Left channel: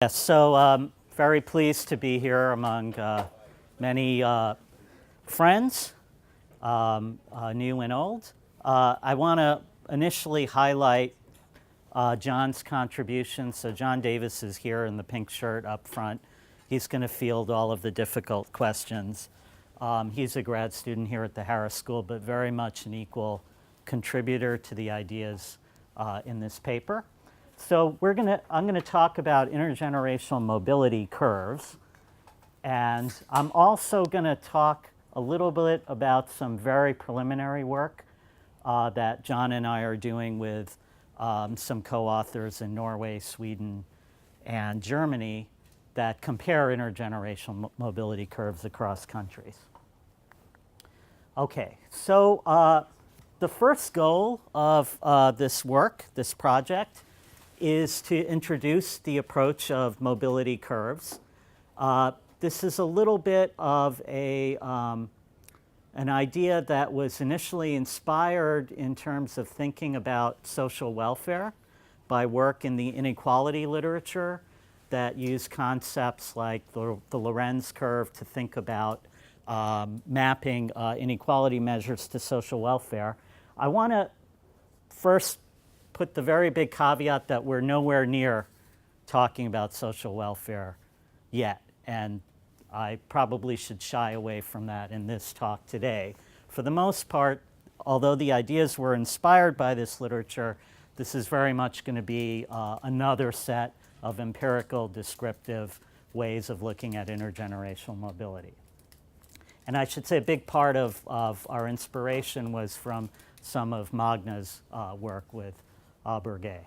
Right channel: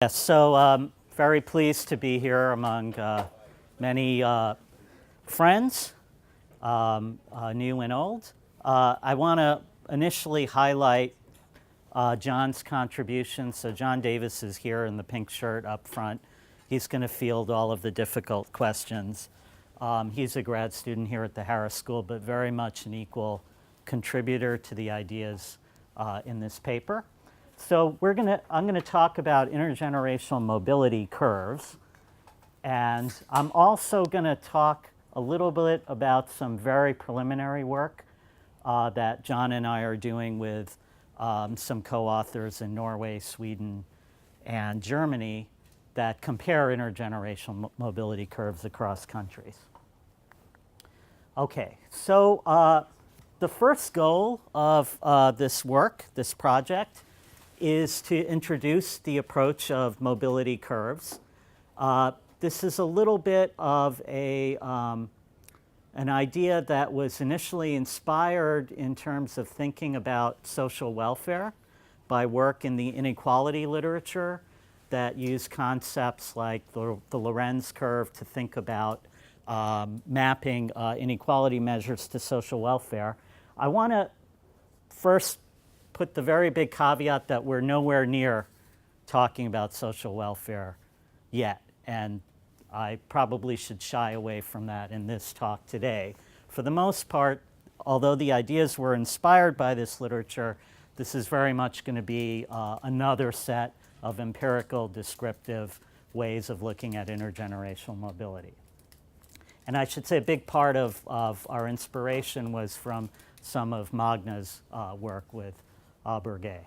Yes, so very pleased to be here among many friends, new and old. I want to initially highlight John's contribution. So John Davis is here in the pink shirt up front. He's going to field all of the difficult questions. He's a grad student here at the Harris School, but very much an equal contributor to the ideas in this paper. So I'm going to talk about intergenerational mobility curves, and I'm also going to talk a little bit about some very preliminary work that John and I are doing with some co-authors in Norway, Sweden, and Germany that compare intergenerational mobility curves across countries. Okay, so the first goal of this work, this project, is to introduce the approach of mobility curves. This is a little bit of an idea that was initially inspired in terms of thinking about social welfare by work in the inequality literature that use concepts like the Lorenz curve to think about mapping inequality measures to social welfare. I want to first put the very big caveat that we're nowhere near talking about social welfare yet, and I probably should shy away from that in this talk today. For the most part, although the ideas were inspired by this literature, this is very much going to be another set of empirical descriptive ways of looking at intergenerational mobility. And I should say a big part of our inspiration was from some of Magna's work with Burgay.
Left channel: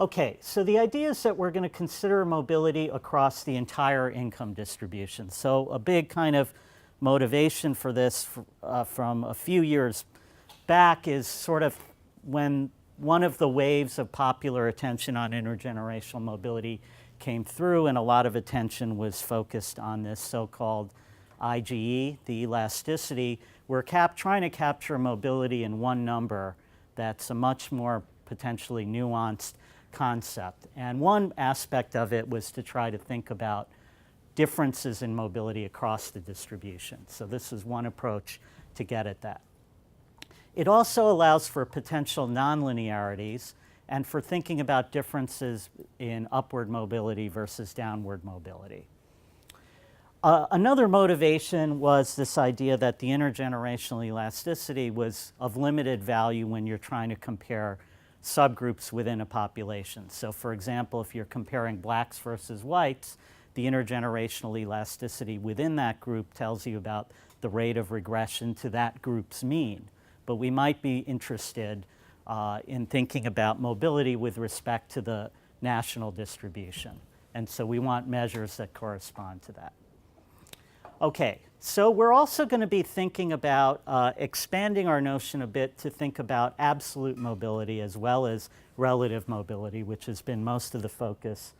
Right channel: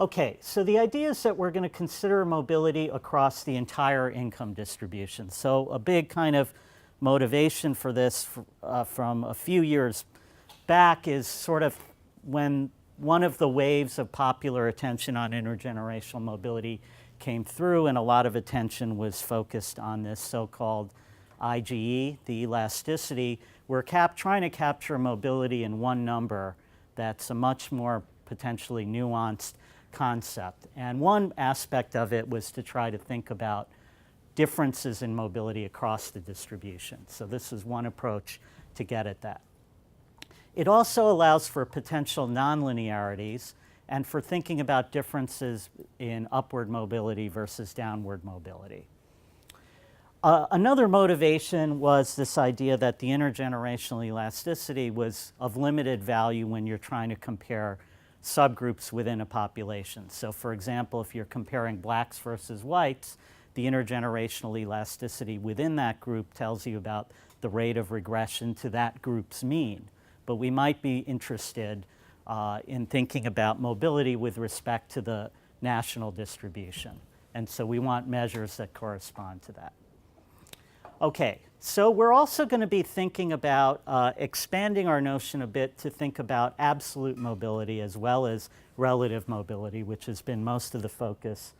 Okay, so the idea is that we're going to consider mobility across the entire income distribution. So a big kind of motivation for this from a few years back is sort of when one of the waves of popular attention on intergenerational mobility came through, and a lot of attention was focused on this so-called IGE, the elasticity. We're trying to capture mobility in one number that's a much more potentially nuanced concept. And one aspect of it was to try to think about differences in mobility across the distribution. So this is one approach to get at that. It also allows for potential nonlinearities and for thinking about differences in upward mobility versus downward mobility. Another motivation was this idea that the intergenerational elasticity was of limited value when you're trying to compare subgroups within a population. So for example, if you're comparing blacks versus whites, the intergenerational elasticity within that group tells you about the rate of regression to that group's mean. But we might be interested in thinking about mobility with respect to the national distribution. And so we want measures that correspond to that. Okay, so we're also going to be thinking about expanding our notion a bit to think about absolute mobility as well as relative mobility, which has been most of the focus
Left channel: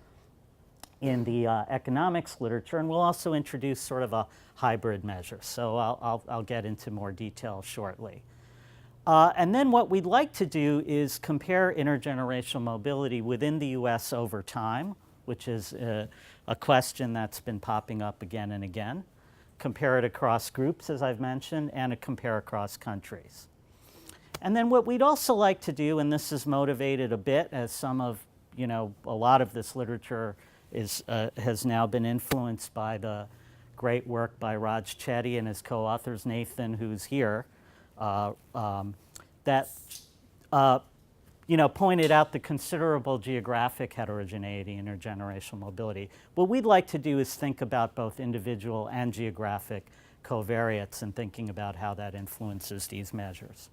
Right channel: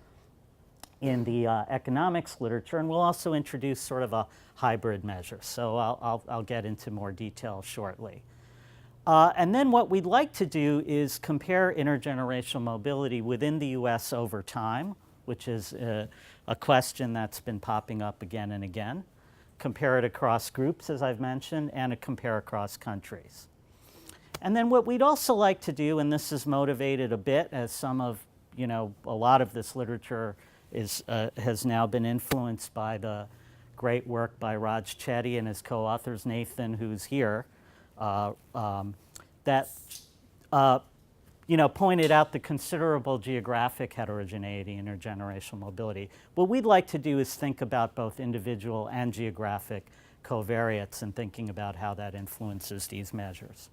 in the economics literature. And we'll also introduce sort of a hybrid measure. So I'll get into more detail shortly. And then what we'd like to do is compare intergenerational mobility within the US over time, which is a question that's been popping up again and again. Compare it across groups, as I've mentioned, and compare across countries. And then what we'd also like to do, and this is motivated a bit as some of, a lot of this literature has now been influenced by the great work by Raj Chetty and his co-authors, Nathan, who's here, that pointed out the considerable geographic heterogeneity in intergenerational mobility. What we'd like to do is think about both individual and geographic covariates and thinking about how that influences these measures.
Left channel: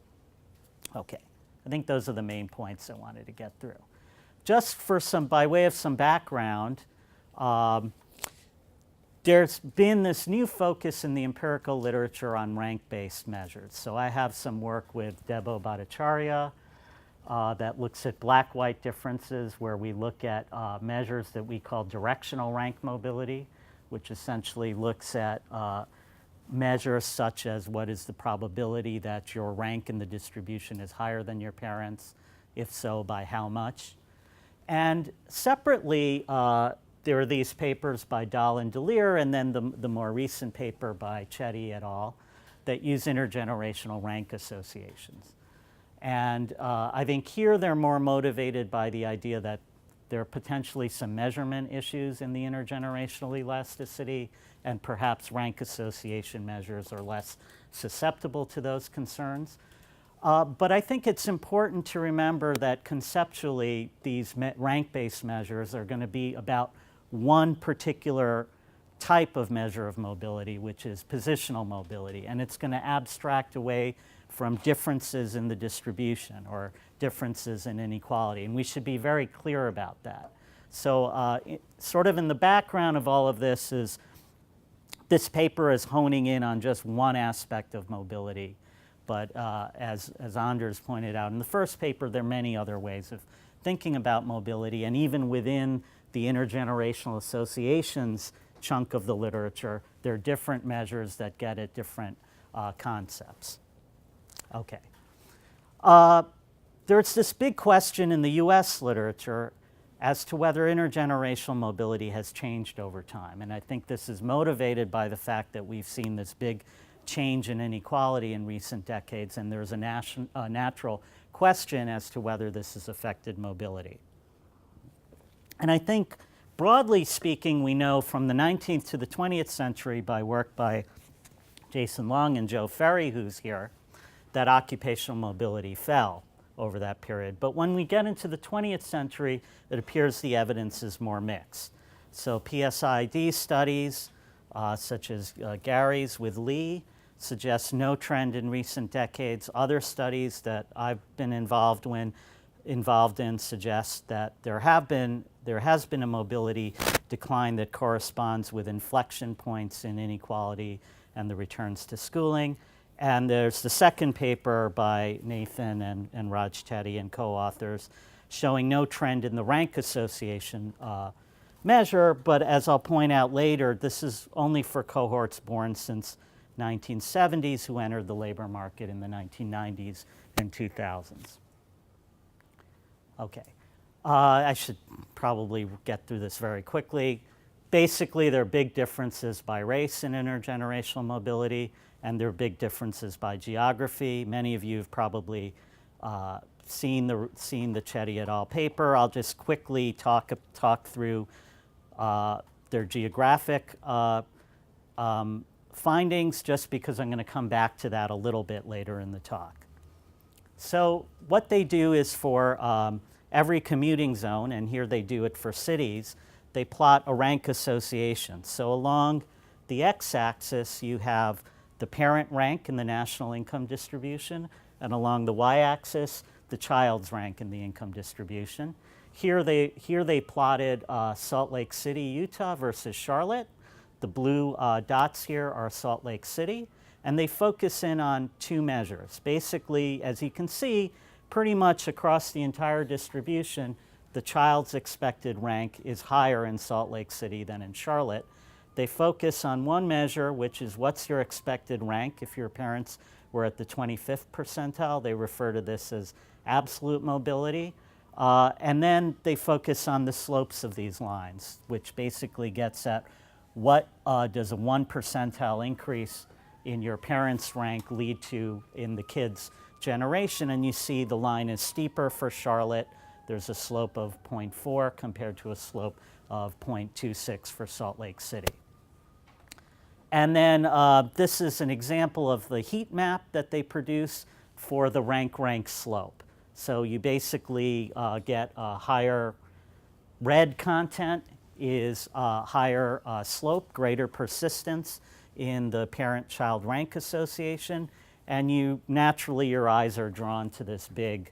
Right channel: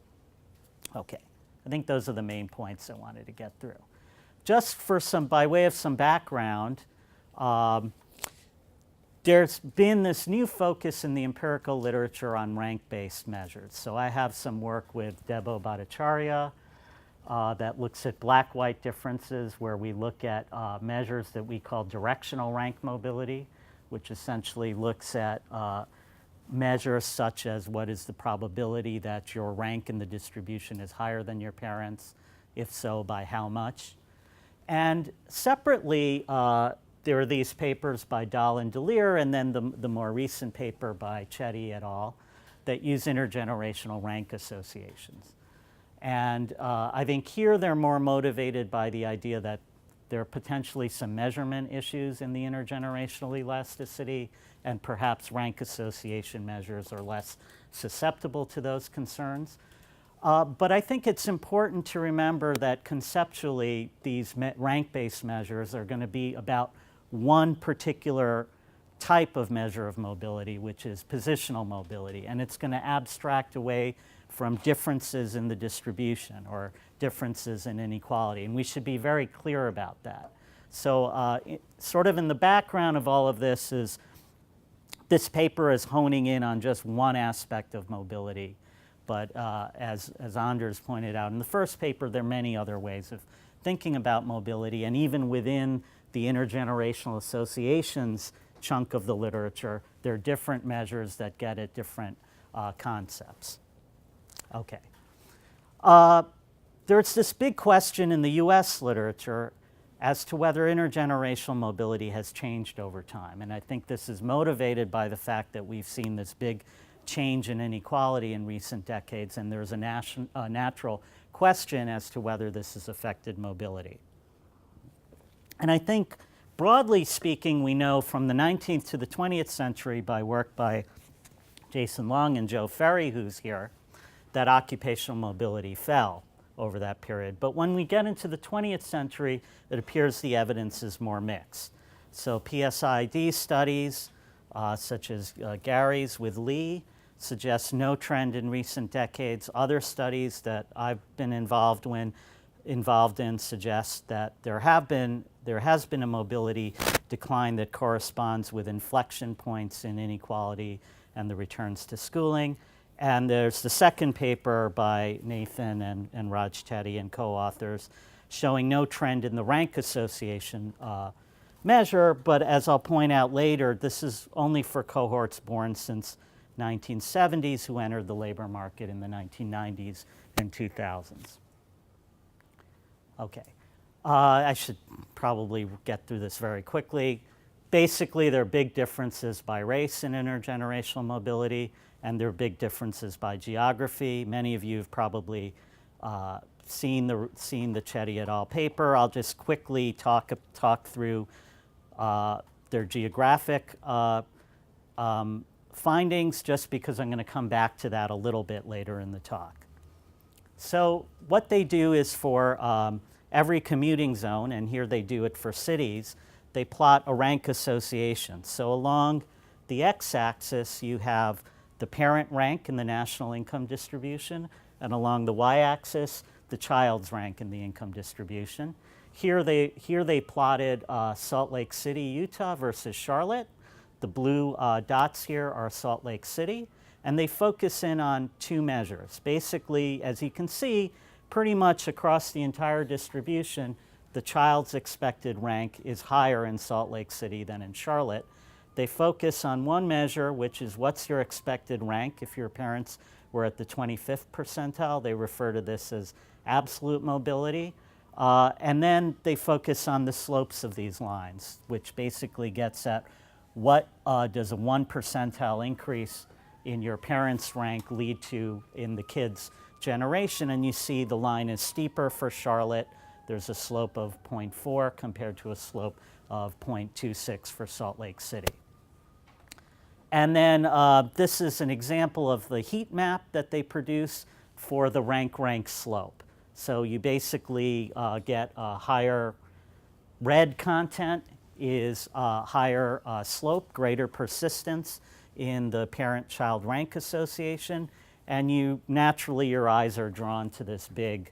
Okay, I think those are the main points I wanted to get through. Just for by way of some background, there's been this new focus in the empirical literature on rank-based measures. So I have some work with Debo Bhattacharya that looks at black-white differences, where we look at measures that we call directional rank mobility, which essentially looks at measures such as what is the probability that your rank in the distribution is higher than your parents, if so, by how much. And separately, there are these papers by Dahl and DeLear, and then the more recent paper by Chetty et al. That use intergenerational rank associations. And I think here they're more motivated by the idea that there are potentially some measurement issues in the intergenerational elasticity, and perhaps rank association measures are less susceptible to those concerns. But I think it's important to remember that conceptually these rank-based measures are going to be about one particular type of measure of mobility, which is positional mobility, and it's going to abstract away from differences in the distribution or differences in inequality, and we should be very clear about that. So sort of in the background of all of this is this paper is honing in on just one aspect of mobility, but as Anders pointed out in the first paper, there are many other ways of thinking about mobility, and even within the intergenerational associations chunk of the literature, there are different measures that get at different concepts. Okay. There's this big question in the US literature as to whether intergenerational mobility has changed over time. And I think this is motivated by the fact that we've seen this big change in inequality in recent decades, and there's a natural question as to whether this has affected mobility. And I think, broadly speaking, we know from the 19th to the 20th century by work by Jason Long and Joe Ferry, who's here, that occupational mobility fell over that period. But when we get into the 20th century, it appears the evidence is more mixed. So PSID studies, such as Gary's with Lee, suggest no trend in recent decades. Other studies that I've been involved in suggest that there has been a mobility decline that corresponds with inflection points in inequality and the returns to schooling. And there's the second paper by Nathan and Raj Chetty and co-authors showing no trend in the rank association measure, but as I'll point out later, this is only for cohorts born since 1970s who entered the labor market in the 1990s and 2000s. Okay, I should probably get through this very quickly. Basically, there are big differences by race in intergenerational mobility, and there are big differences by geography. Many of you have probably seen the Chetty et al. Paper. I'll just quickly talk through their geographic findings, just because I'm going to come back to that a little bit later in the talk. So what they do is for every commuting zone, and here they do it for cities, they plot a rank association. So along the x-axis, you have the parent rank in the national income distribution, and along the y-axis, the child's rank in the income distribution. Here they plotted Salt Lake City, Utah versus Charlotte. The blue dots here are Salt Lake City, and they focus in on two measures. Basically, as you can see, pretty much across the entire distribution, the child's expected rank is higher in Salt Lake City than in Charlotte. They focus on one measure, which is what's your expected rank if your parents were at the 25th percentile. They refer to this as absolute mobility. And then they focus on the slopes of these lines, which basically gets at what does a 1 percentile increase in your parents' rank lead to in the kids' generation. And you see the line is steeper for Charlotte. There's a slope of 0.4 compared to a slope of 0.26 for Salt Lake City. And then this is an example of the heat map that they produce for the rank slope. So you basically get a higher red content is higher slope, greater persistence in the parent-child rank association, and you naturally your eyes are drawn to this big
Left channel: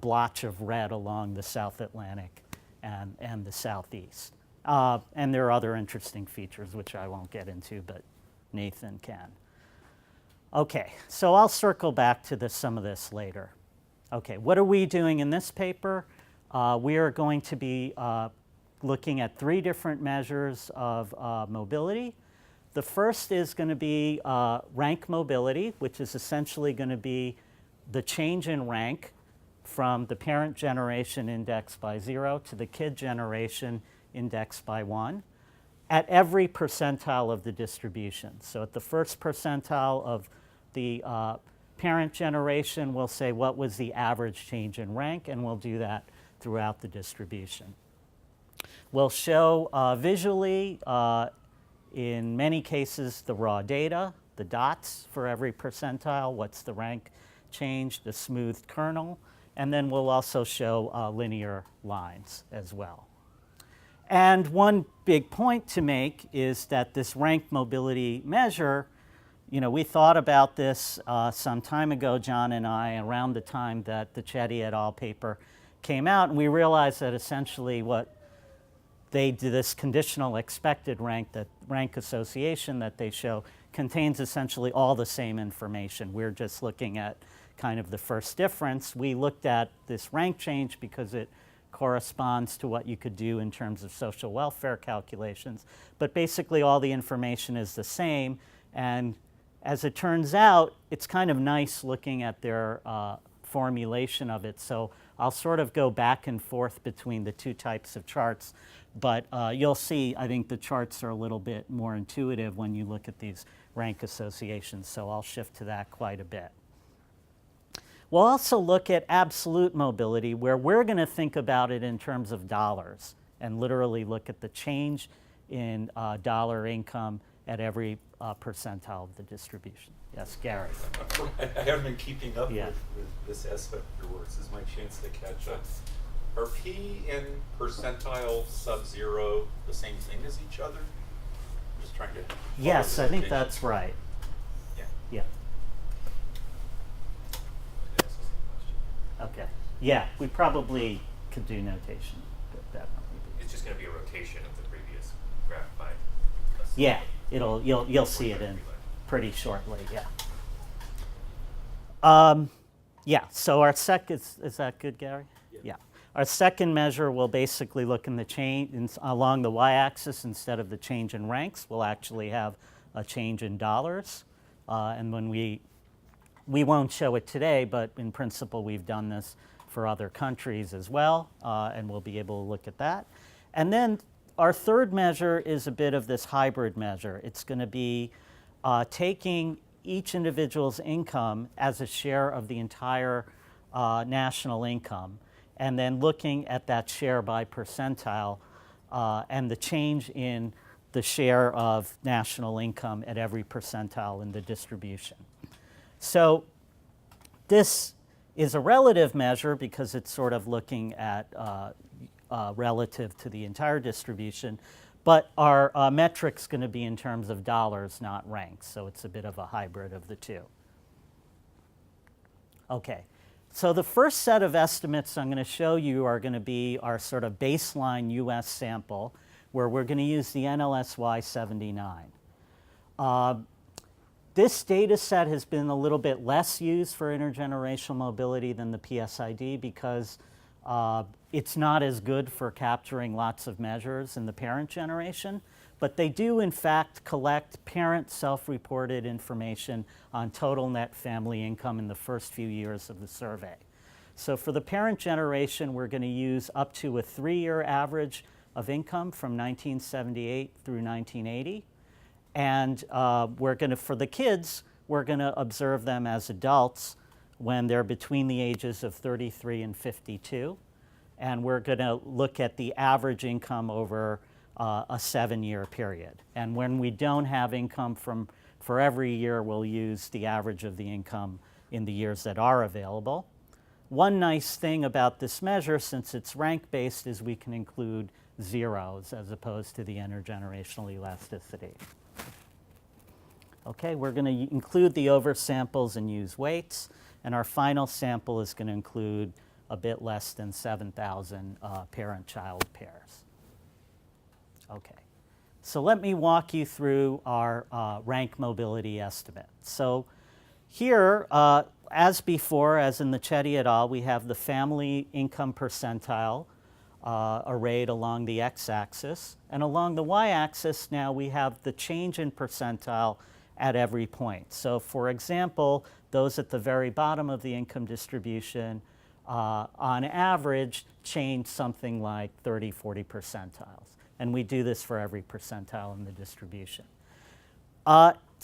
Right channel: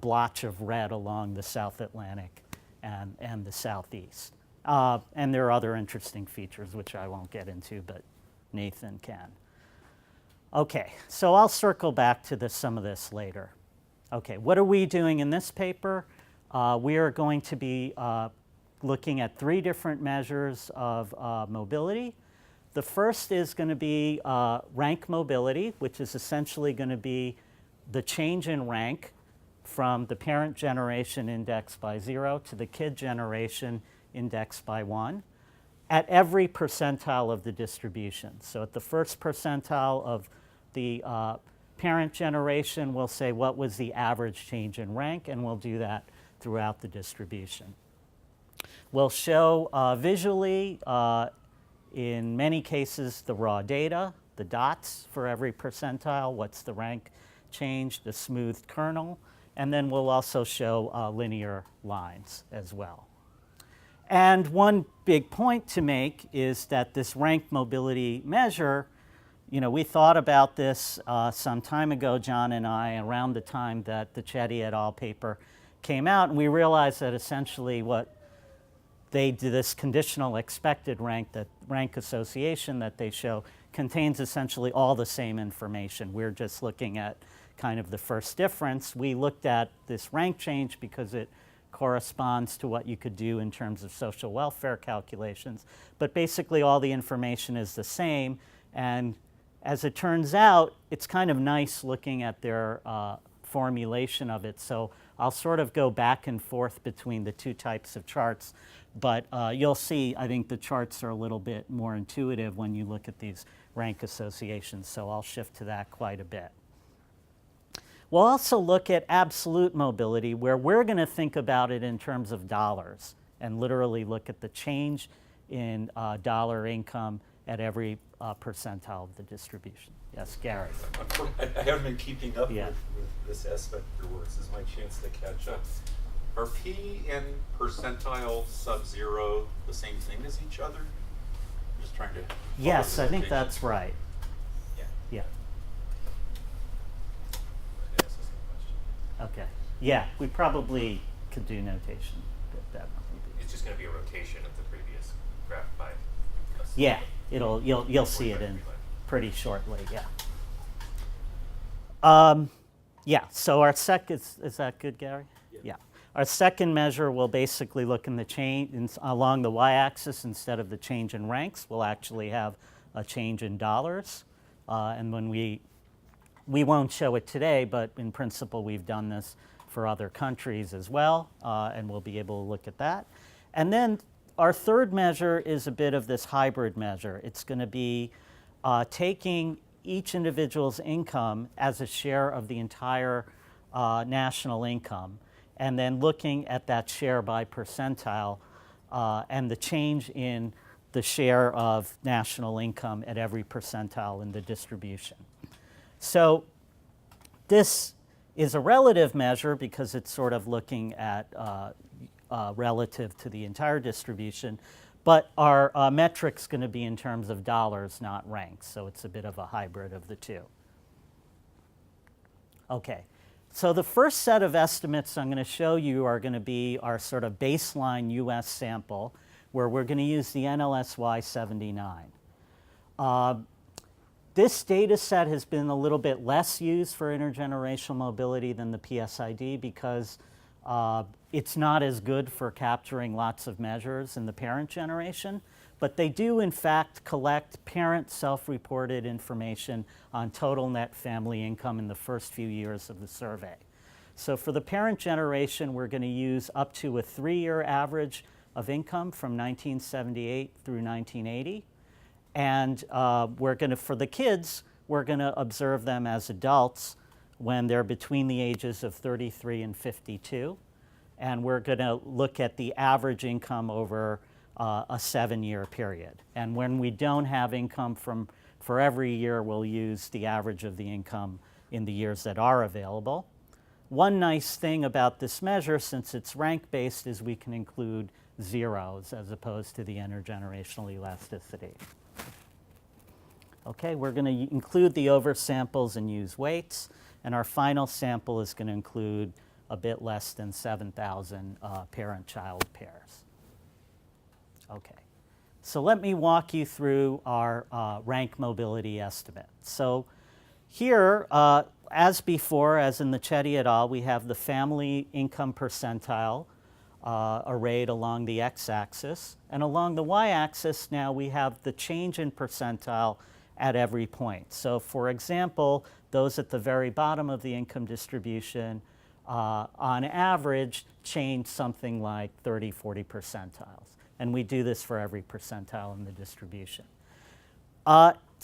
blotch of red along the South Atlantic and the Southeast. And there are other interesting features which I won't get into, but Nathan can. Okay, so I'll circle back to some of this later. Okay, what are we doing in this paper? We are going to be looking at 3 different measures of mobility. The first is going to be rank mobility, which is essentially going to be the change in rank from the parent generation indexed by 0 to the kid generation indexed by 1 at every percentile of the distribution. So at the first percentile of the parent generation, we'll say what was the average change in rank, and we'll do that throughout the distribution. We'll show visually, in many cases, the raw data, the dots for every percentile, what's the rank change, the smoothed kernel, and then we'll also show linear lines as well. And one big point to make is that this rank mobility measure, we thought about this some time ago, John and I, around the time that the Chetty et al. Paper came out, and we realized that essentially what they do, this conditional expected rank, that rank association that they show, contains essentially all the same information. We're just looking at kind of the first difference. We looked at this rank change because it corresponds to what you could do in terms of social welfare calculations. But basically all the information is the same. And as it turns out, it's kind of nice looking at their formulation of it. So I'll sort of go back and forth between the two types of charts. But you'll see, I think the charts are a little bit more intuitive when you look at these rank associations. So I'll shift to that quite a bit. We'll also look at absolute mobility, where we're going to think about it in terms of dollars and literally look at the change in dollar income at every percentile of the distribution. Yes, Gary. I haven't been keeping up Yeah. with this aspect of your work. This is my chance to catch up. Are P and percentile sub-zero the same thing as each other? I'm just trying to... Yes, I think that's right. Yeah. Yeah. That's the same question. Okay. Yeah, we probably could do notation. That It's just going to be a rotation of the previous graph by a Yeah, single- you'll see it in pretty shortly. Yeah. Yeah. So our is that good, Gary? Yeah. Our second measure will basically look in the change along the y-axis. Instead of the change in ranks, we'll actually have a change in dollars. And when we won't show it today, but in principle we've done this for other countries as well, and we'll be able to look at that. And then our third measure is a bit of this hybrid measure. It's going to be taking each individual's income as a share of the entire national income, and then looking at that share by percentile and the change in the share of national income at every percentile in the distribution. So this is a relative measure because it's sort of looking at relative to the entire distribution, but our metric's going to be in terms of dollars, not ranks, so it's a bit of a hybrid of the two. Okay, so the first set of estimates I'm going to show you are going to be our sort of baseline US sample, where we're going to use the NLSY 79. This data set has been a little bit less used for intergenerational mobility than the PSID because it's not as good for capturing lots of measures in the parent generation, but they do in fact collect parent self-reported information on total net family income in the first few years of the survey. So for the parent generation, we're going to use up to a 3-year average of income from 1978 through 1980. And we're going to, for the kids, we're going to observe them as adults when they're between the ages of 33 and 52. And we're going to look at the average income over a 7-year period. And when we don't have income for every year, we'll use the average of the income in the years that are available. One nice thing about this measure, since it's rank-based, is we can include zeros as opposed to the intergenerational elasticity. Okay, we're going to include the oversamples and use weights, and our final sample is going to include a bit less than 7,000 parent-child pairs. Okay, so let me walk you through our rank mobility estimate. So here, as before, as in the Chetty et al., we have the family income percentile arrayed along the x-axis, and along the y-axis now we have the change in percentile at every point. So for example, those at the very bottom of the income distribution on average, change something like 30, 40 percentiles. And we do this for every percentile in the distribution.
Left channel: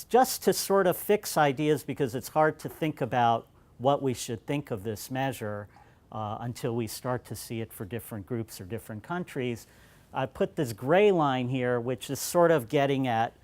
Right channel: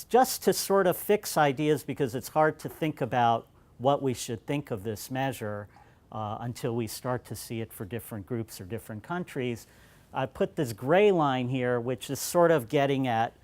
Just to sort of fix ideas, because it's hard to think about what we should think of this measure until we start to see it for different groups or different countries, I put this gray line here, which is sort of getting at,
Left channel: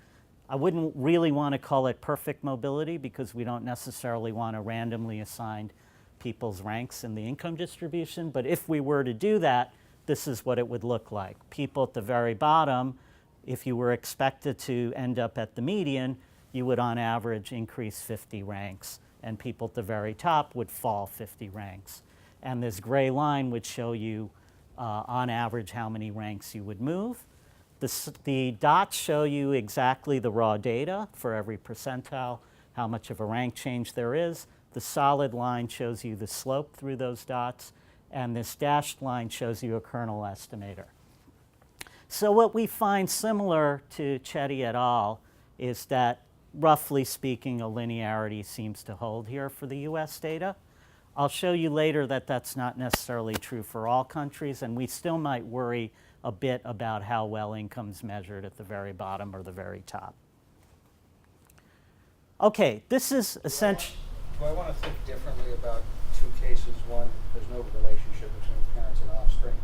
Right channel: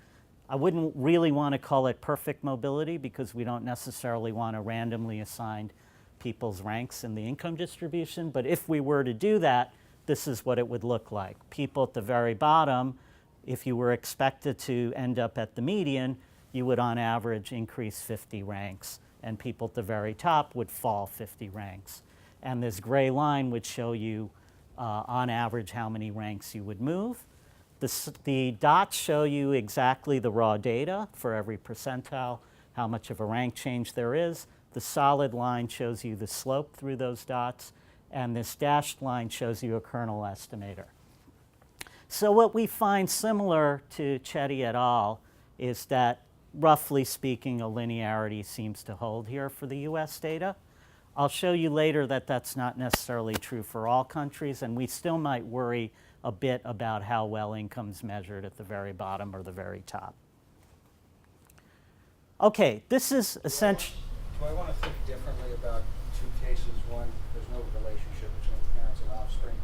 I wouldn't really want to call it perfect mobility because we don't necessarily want to randomly assign people's ranks in the income distribution, but if we were to do that, this is what it would look like. People at the very bottom, if you were expected to end up at the median, you would on average increase 50 ranks, and people at the very top would fall 50 ranks. And this gray line would show you on average how many ranks you would move. The dots show you exactly the raw data for every percentile, how much of a rank change there is. The solid line shows you the slope through those dots, and this dashed line shows you a kernel estimator. So what we find similar to Chetty et al. Is that, roughly speaking, a linearity seems to hold here for the US data. I'll show you later that that's not necessarily true for all countries, and we still might worry a bit about how well income's measured at the very bottom or the very top. Okay, this is essentially... Do I want to think differently about two cases? One, there's no relationship between parents and offspring,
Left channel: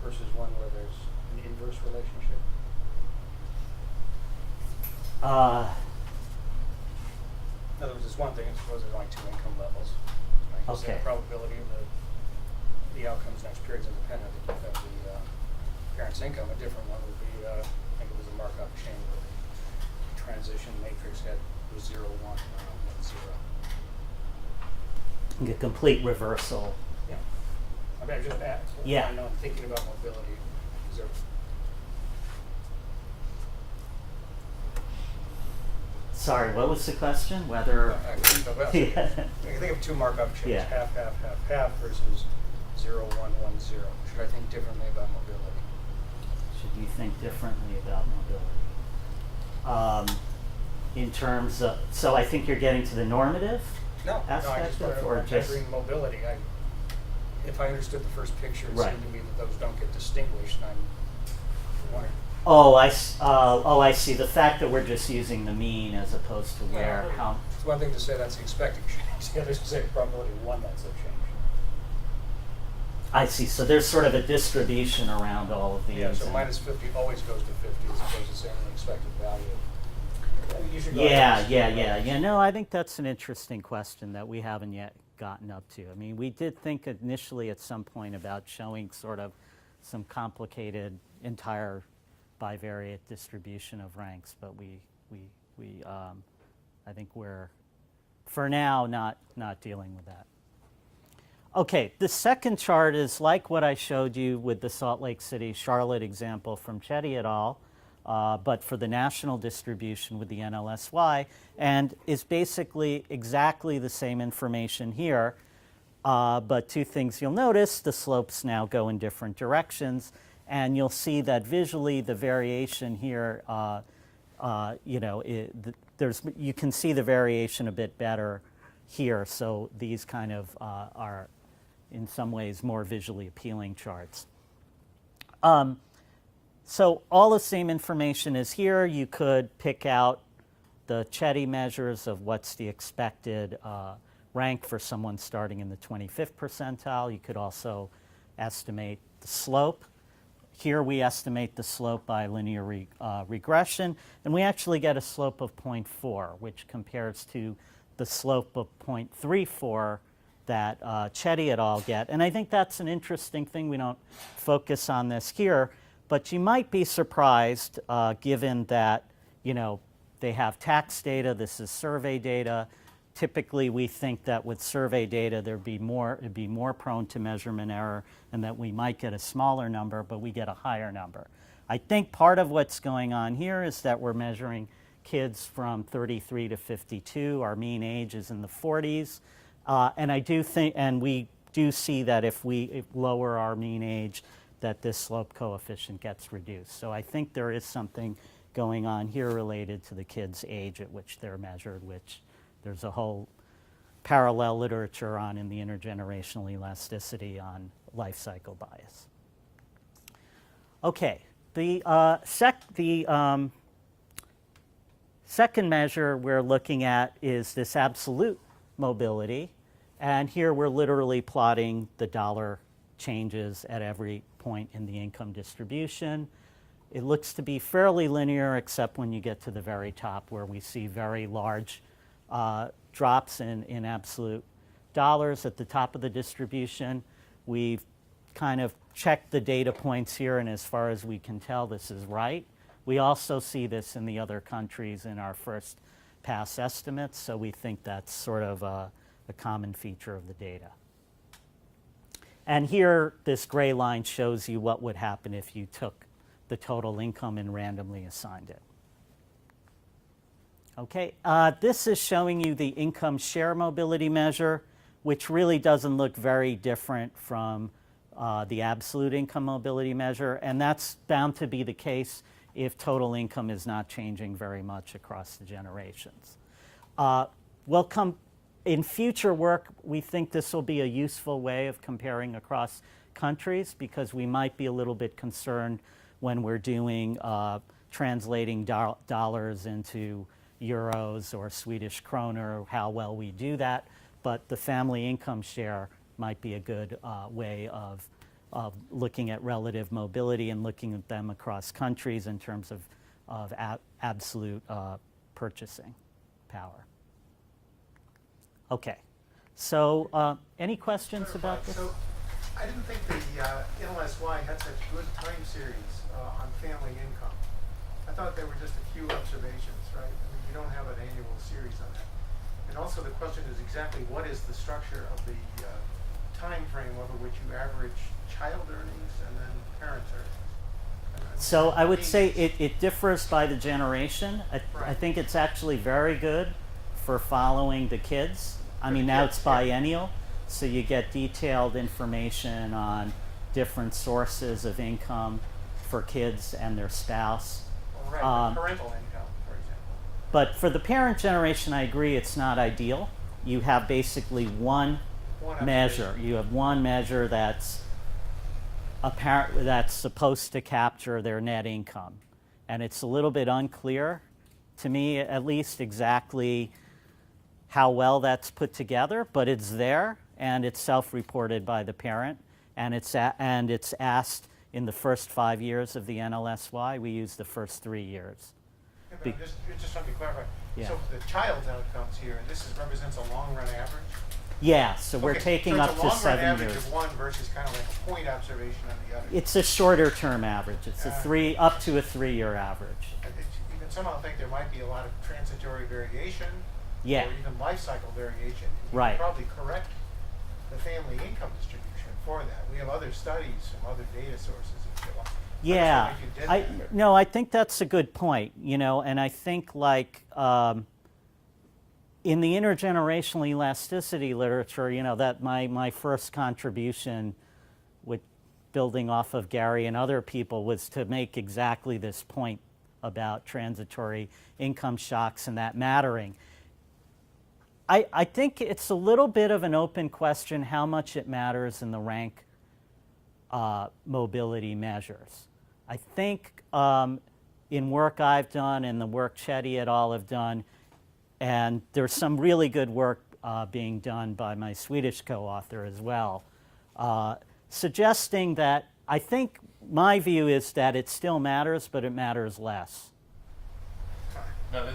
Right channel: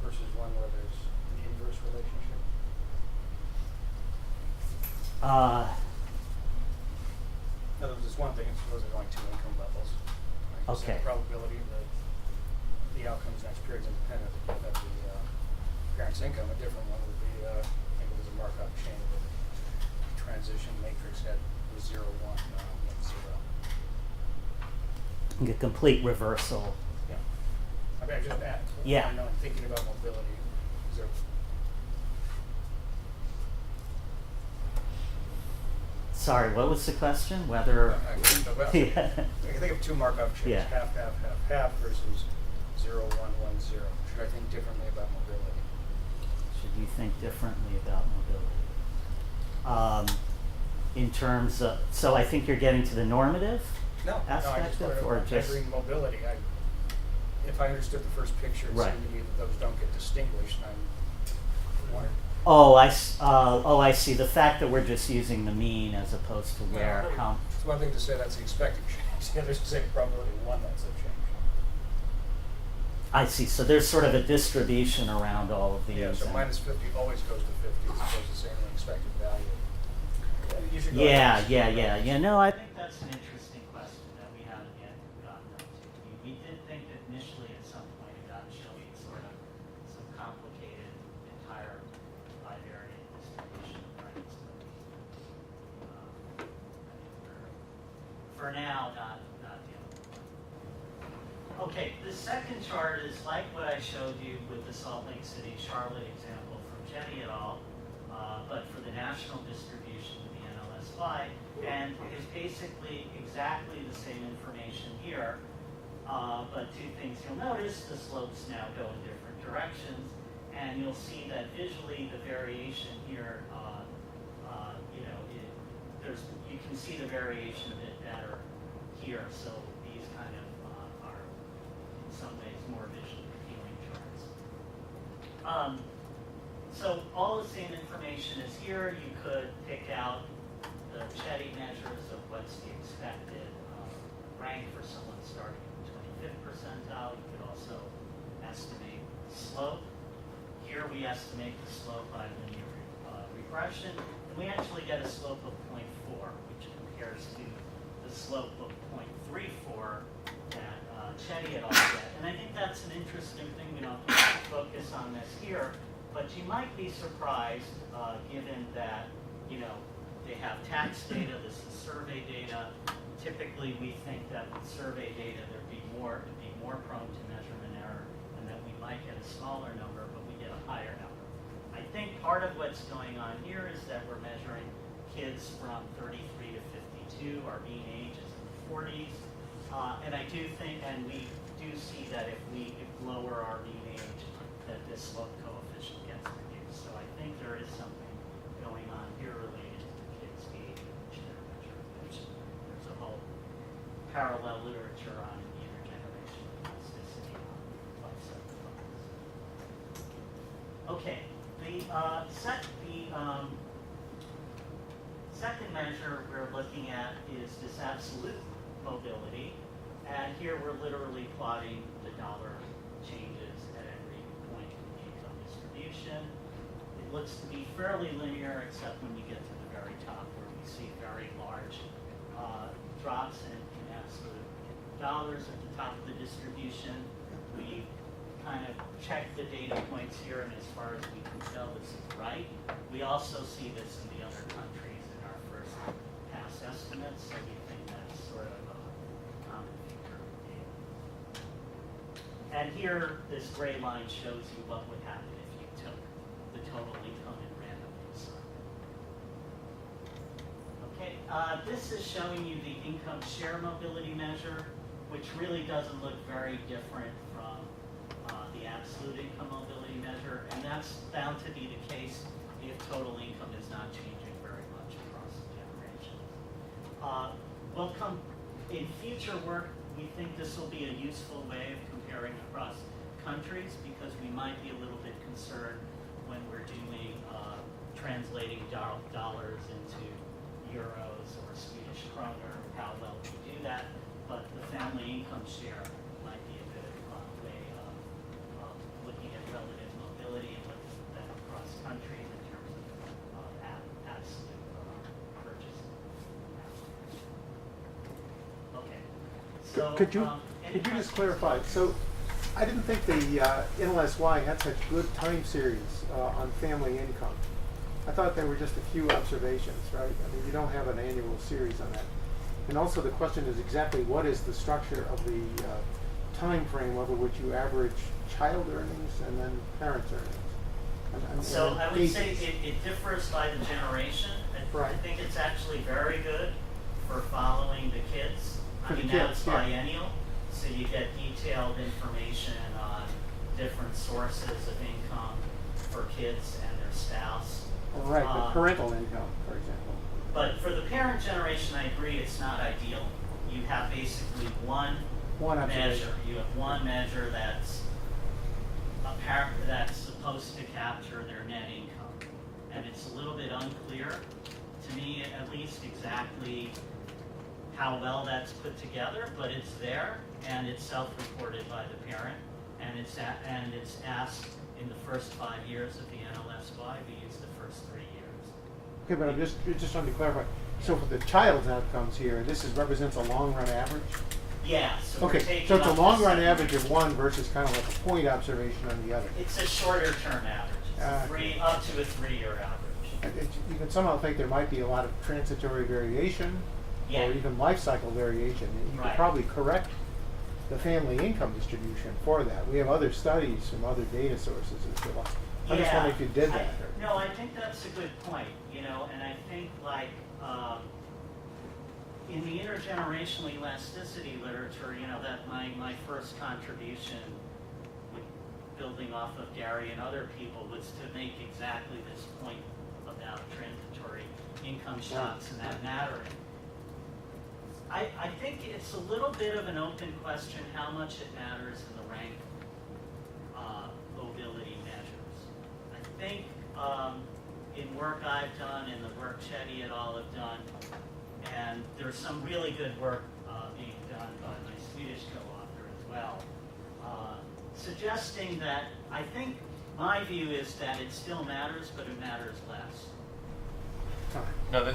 versus one where there's an inverse relationship? In other words, it's one thing, suppose there's only two income levels. Like you said, Okay. the probability of the outcomes next period is independent of the parent's income. A different one would be, I think it was a Markov chain where the transition matrix was 0, 1, or 1, 0. A complete reversal. Yeah. I mean, I just Yeah. I know I'm thinking about mobility. Is there... Sorry, what was the question? Whether... I can think of two Markov chains, Yeah. half, half, half, half versus 0, 1, 1, 0. Should I think differently about mobility? Should you think differently about mobility? In terms of... So I think you're getting to the normative I aspect just of, wanted or to just... measuring mobility. If I understood the first picture, it Right. seemed to me that those don't get distinguished. I'm wondering. Oh, I see. The fact that we're just using the mean as opposed to where, how... It's one thing to say that's the expected change. The other is to say probability 1 that's a change. I see. So there's sort of a distribution around all of these. Yeah, so and- minus 50 always goes to 50 as opposed to saying the expected value. You should go Yeah. No, I think that's an interesting question that we haven't yet gotten up to. I mean, we did think initially at some point about showing sort of some complicated entire bivariate distribution of ranks, but I think we're, for now, not dealing with that. Okay, the second chart is like what I showed you with the Salt Lake City, Charlotte example from Chetty et al., but for the national distribution with the NLSY, and is basically exactly the same information here, but two things you'll notice: the slopes now go in different directions, and you'll see that visually the variation here, you can see the variation a bit better here, so these kind of are in some ways more visually appealing charts. So all the same information is here. You could pick out the Chetty measures of what's the expected rank for someone starting in the 25th percentile. You could also estimate the slope. Here we estimate the slope by linear regression, and we actually get a slope of 0.4, which compares to the slope of 0.34 that Chetty et al. Get. And I think that's an interesting thing. We don't focus on this here, but you might be surprised given that, they have tax data, this is survey data. Typically we think that with survey data it'd be more prone to measurement error and that we might get a smaller number, but we get a higher number. I think part of what's going on here is that we're measuring kids from 33 to 52. Our mean age is in the 40s. And I do think, and we do see that if we lower our mean age, that this slope coefficient gets reduced. So I think there is something going on here related to the kids' age at which they're measured, which there's a whole parallel literature on in the intergenerational elasticity on life cycle bias. Okay, the second measure we're looking at is this absolute mobility, and here we're literally plotting the dollar changes at every point in the income distribution. It looks to be fairly linear, except when you get to the very top, where we see very large drops in absolute dollars at the top of the distribution. We've kind of checked the data points here, and as far as we can tell, this is right. We also see this in the other countries in our first pass estimates, so we think that's sort of a common feature of the data. And here, this gray line shows you what would happen if you took the total income and randomly assigned it. Okay, this is showing you the income share mobility measure, which really doesn't look very different from the absolute income mobility measure, and that's bound to be the case if total income is not changing very much across the generations. We'll come in future work, we think this will be a useful way of comparing across countries, because we might be a little bit concerned when we're doing translating dollars into euros or Swedish kroner, how well we do that. But the family income share might be a good way of looking at relative mobility and looking at them across countries in terms of absolute purchasing power. Okay, so any questions? Could you just clarify? About this? So I didn't think the NLSY had such good time series on family income. I thought there were just a few observations, right? I mean, you don't have an annual series on that. And also the question is exactly what is the structure of the time frame over which you average child earnings and then parents' earnings? So I would say it differs by the generation. I Right. think it's actually very good for following the kids. I mean, now it's biennial, so you get detailed information on different sources of income for kids and their spouse. Right, but parental income, for example. But for the parent generation, I agree it's not ideal. You have basically one measure. observation. You have one measure that's that's supposed to capture their net income. And it's a little bit unclear, to me at least, exactly how well that's put together, but it's there, and it's self-reported by the parent, and it's asked in the first 5 years of the NLSY. We use the first 3 years. Okay, but I'm just trying to clarify. Yeah. So for the child's outcomes here, this represents a long-run average? Yeah, so we're taking so up it's to a long-run 7 average years. of one versus kind of like a point observation on the other. It's a shorter term average. It's a up to a 3-year average. You can somehow think there might be a lot of transitory variation, Yeah. or even life cycle variation. You Right. can probably correct the family income distribution for that. We have other studies from other data sources as to why. I'm just Yeah, wondering if you did that. no, I think that's a good point, and I think like in the intergenerational elasticity literature, that my first contribution with building off of Gary and other people was to make exactly this point about transitory income shocks and that mattering. I think it's a little bit of an open question how much it matters in the rank mobility measures. I think in work I've done and the work Chetty et al. Have done, and there's some really good work being done by my Swedish co-author as well, suggesting that I think my view is that it still matters, but it matters less. No,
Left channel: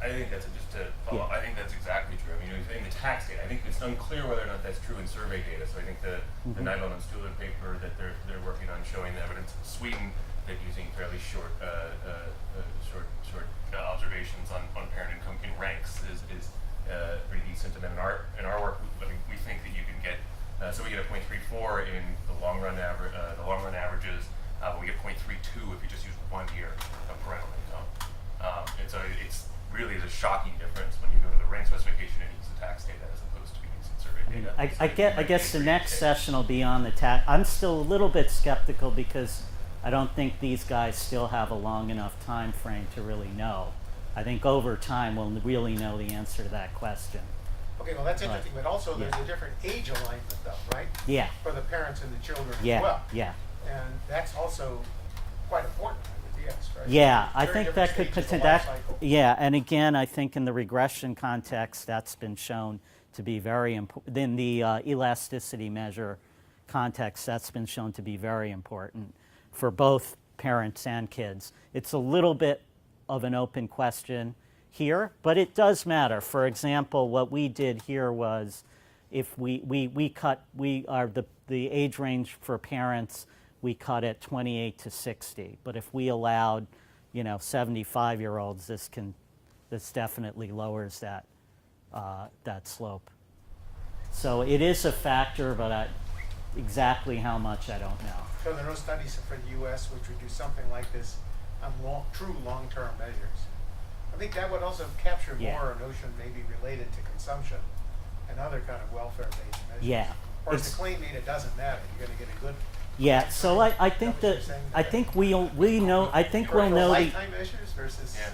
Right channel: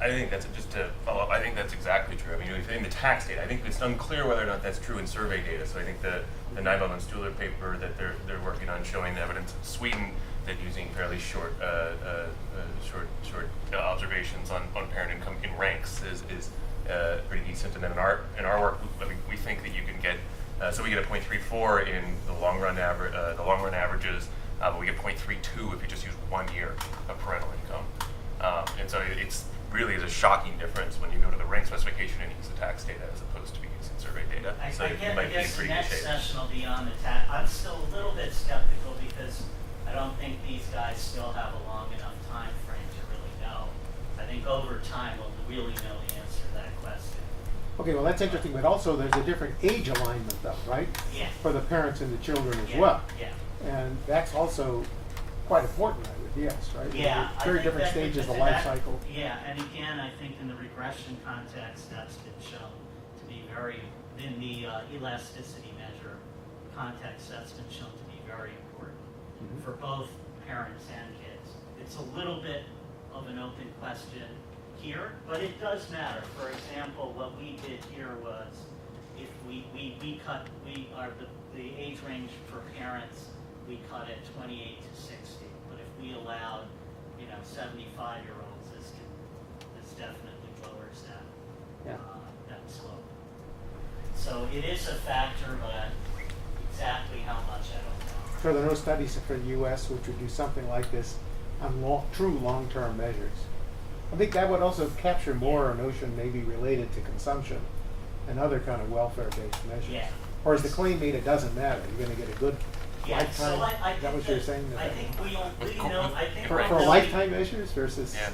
I think that's just to follow up. I think that's exactly true. I mean, in the tax data, I think it's unclear whether or not that's true in survey data. So I think the Nybaum and Stuhler paper that they're working on showing the evidence in Sweden that using fairly short observations on parent income in ranks is pretty decent. And then in our work, we think that you can get so we get a 0.34 in the long run averages, but we get 0.32 if you just use 1 year of parental income. And so it's really is a shocking difference when you go to the rank specification and use the tax data as opposed to using survey data. So I guess the next session will be on the tax. I'm still a little bit skeptical because I don't think these guys still have a long enough time frame to really know. I think over time we'll really know the answer to that question. Okay, well, that's interesting, but also there's a different age alignment though, right? Yeah. For the parents and the children Yeah. as well. Yeah. And that's also quite important, I would guess, right? Yeah, I Very think different that stages could, of life cycle. yeah, and again, I think in the regression context, that's been shown to be very important. In the elasticity measure context, that's been shown to be very important for both parents and kids. It's a little bit of an open question here, but it does matter. For example, what we did here was if we cut, the age range for parents, we cut at 28 to 60. But if we allowed, 75-year-olds, this definitely lowers that, Yeah. that slope. So it is a factor, but exactly how much, I don't know. So there are no studies for the U.S. which would do something like this on true long-term measures. I think that would also capture more a notion maybe related to consumption and other kind of welfare-based measures. Yeah. Or is the claim made it doesn't matter? You're going to get a good Yeah, lifetime? so I Is think what you're saying I there? think we know, I think For we'll For know. lifetime measures versus. Yeah.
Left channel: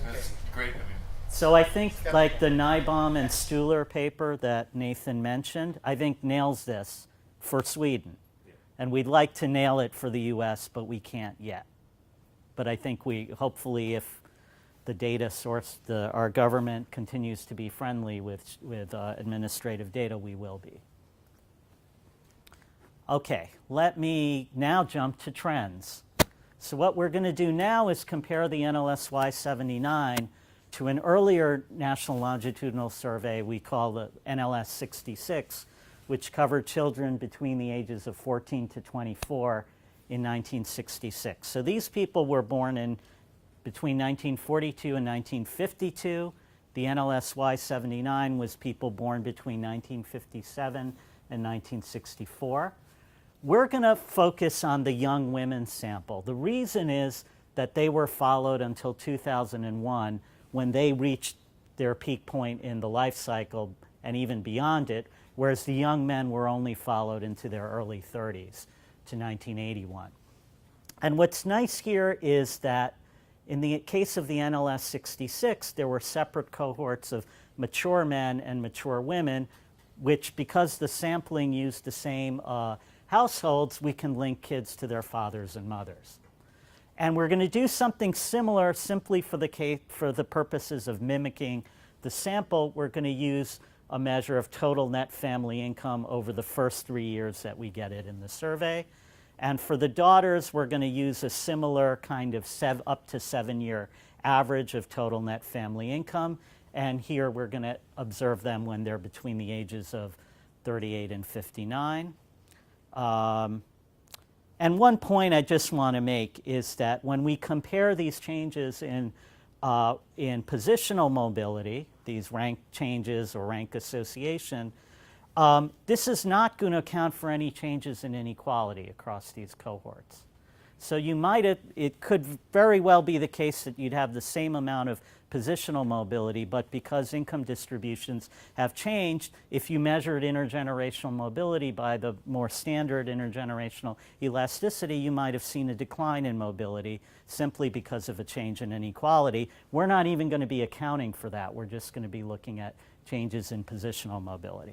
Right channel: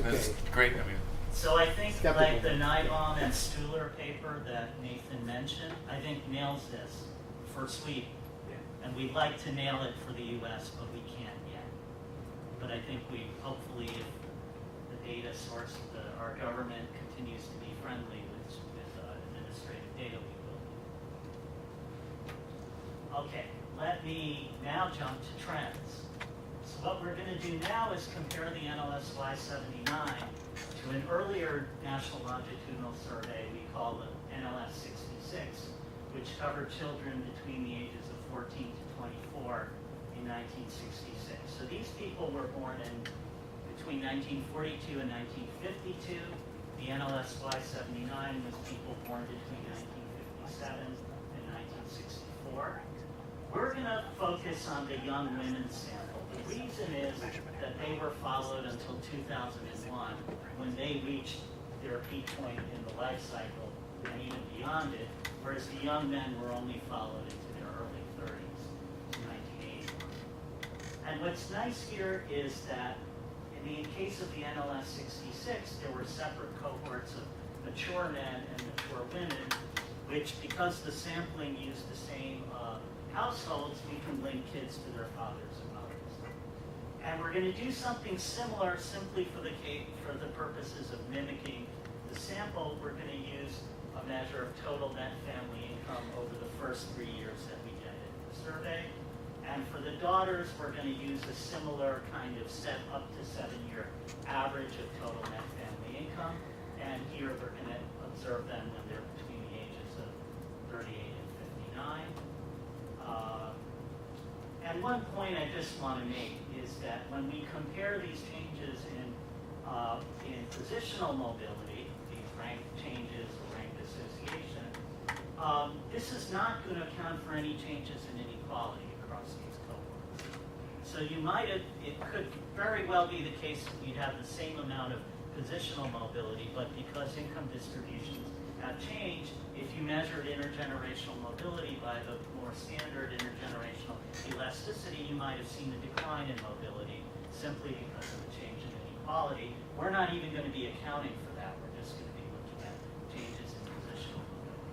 Okay. That's great. I mean, So I think Skeptical. like the Nybaum and Stuhler paper that Nathan mentioned, I think nails this for Sweden. And we'd like to nail it for the US, but we can't yet. But I think hopefully if the data source, our government continues to be friendly with administrative data, we will be. Okay, let me now jump to trends. So what we're going to do now is compare the NLSY 79 to an earlier national longitudinal survey we call the NLS 66, which covered children between the ages of 14 to 24 in 1966. So these people were born in between 1942 and 1952. The NLSY 79 was people born between 1957 and 1964. We're going to focus on the young women sample. The reason is that they were followed until 2001 when they reached their peak point in the life cycle and even beyond it, whereas the young men were only followed into their early 30s to 1981. And what's nice here is that in the case of the NLS 66, there were separate cohorts of mature men and mature women, which because the sampling used the same households, we can link kids to their fathers and mothers. And we're going to do something similar simply for the purposes of mimicking the sample. We're going to use a measure of total net family income over the first 3 years that we get it in the survey. And for the daughters, we're going to use a similar kind of up to 7-year average of total net family income. And here we're going to observe them when they're between the ages of 38 and 59. And one point I just want to make is that when we compare these changes in positional mobility, these rank changes or rank association, this is not going to account for any changes in inequality across these cohorts. So it could very well be the case that you'd have the same amount of positional mobility, but because income distributions have changed, if you measured intergenerational mobility by the more standard intergenerational elasticity, you might have seen a decline in mobility simply because of a change in inequality. We're not even going to be accounting for that. We're just going to be looking at changes in positional mobility.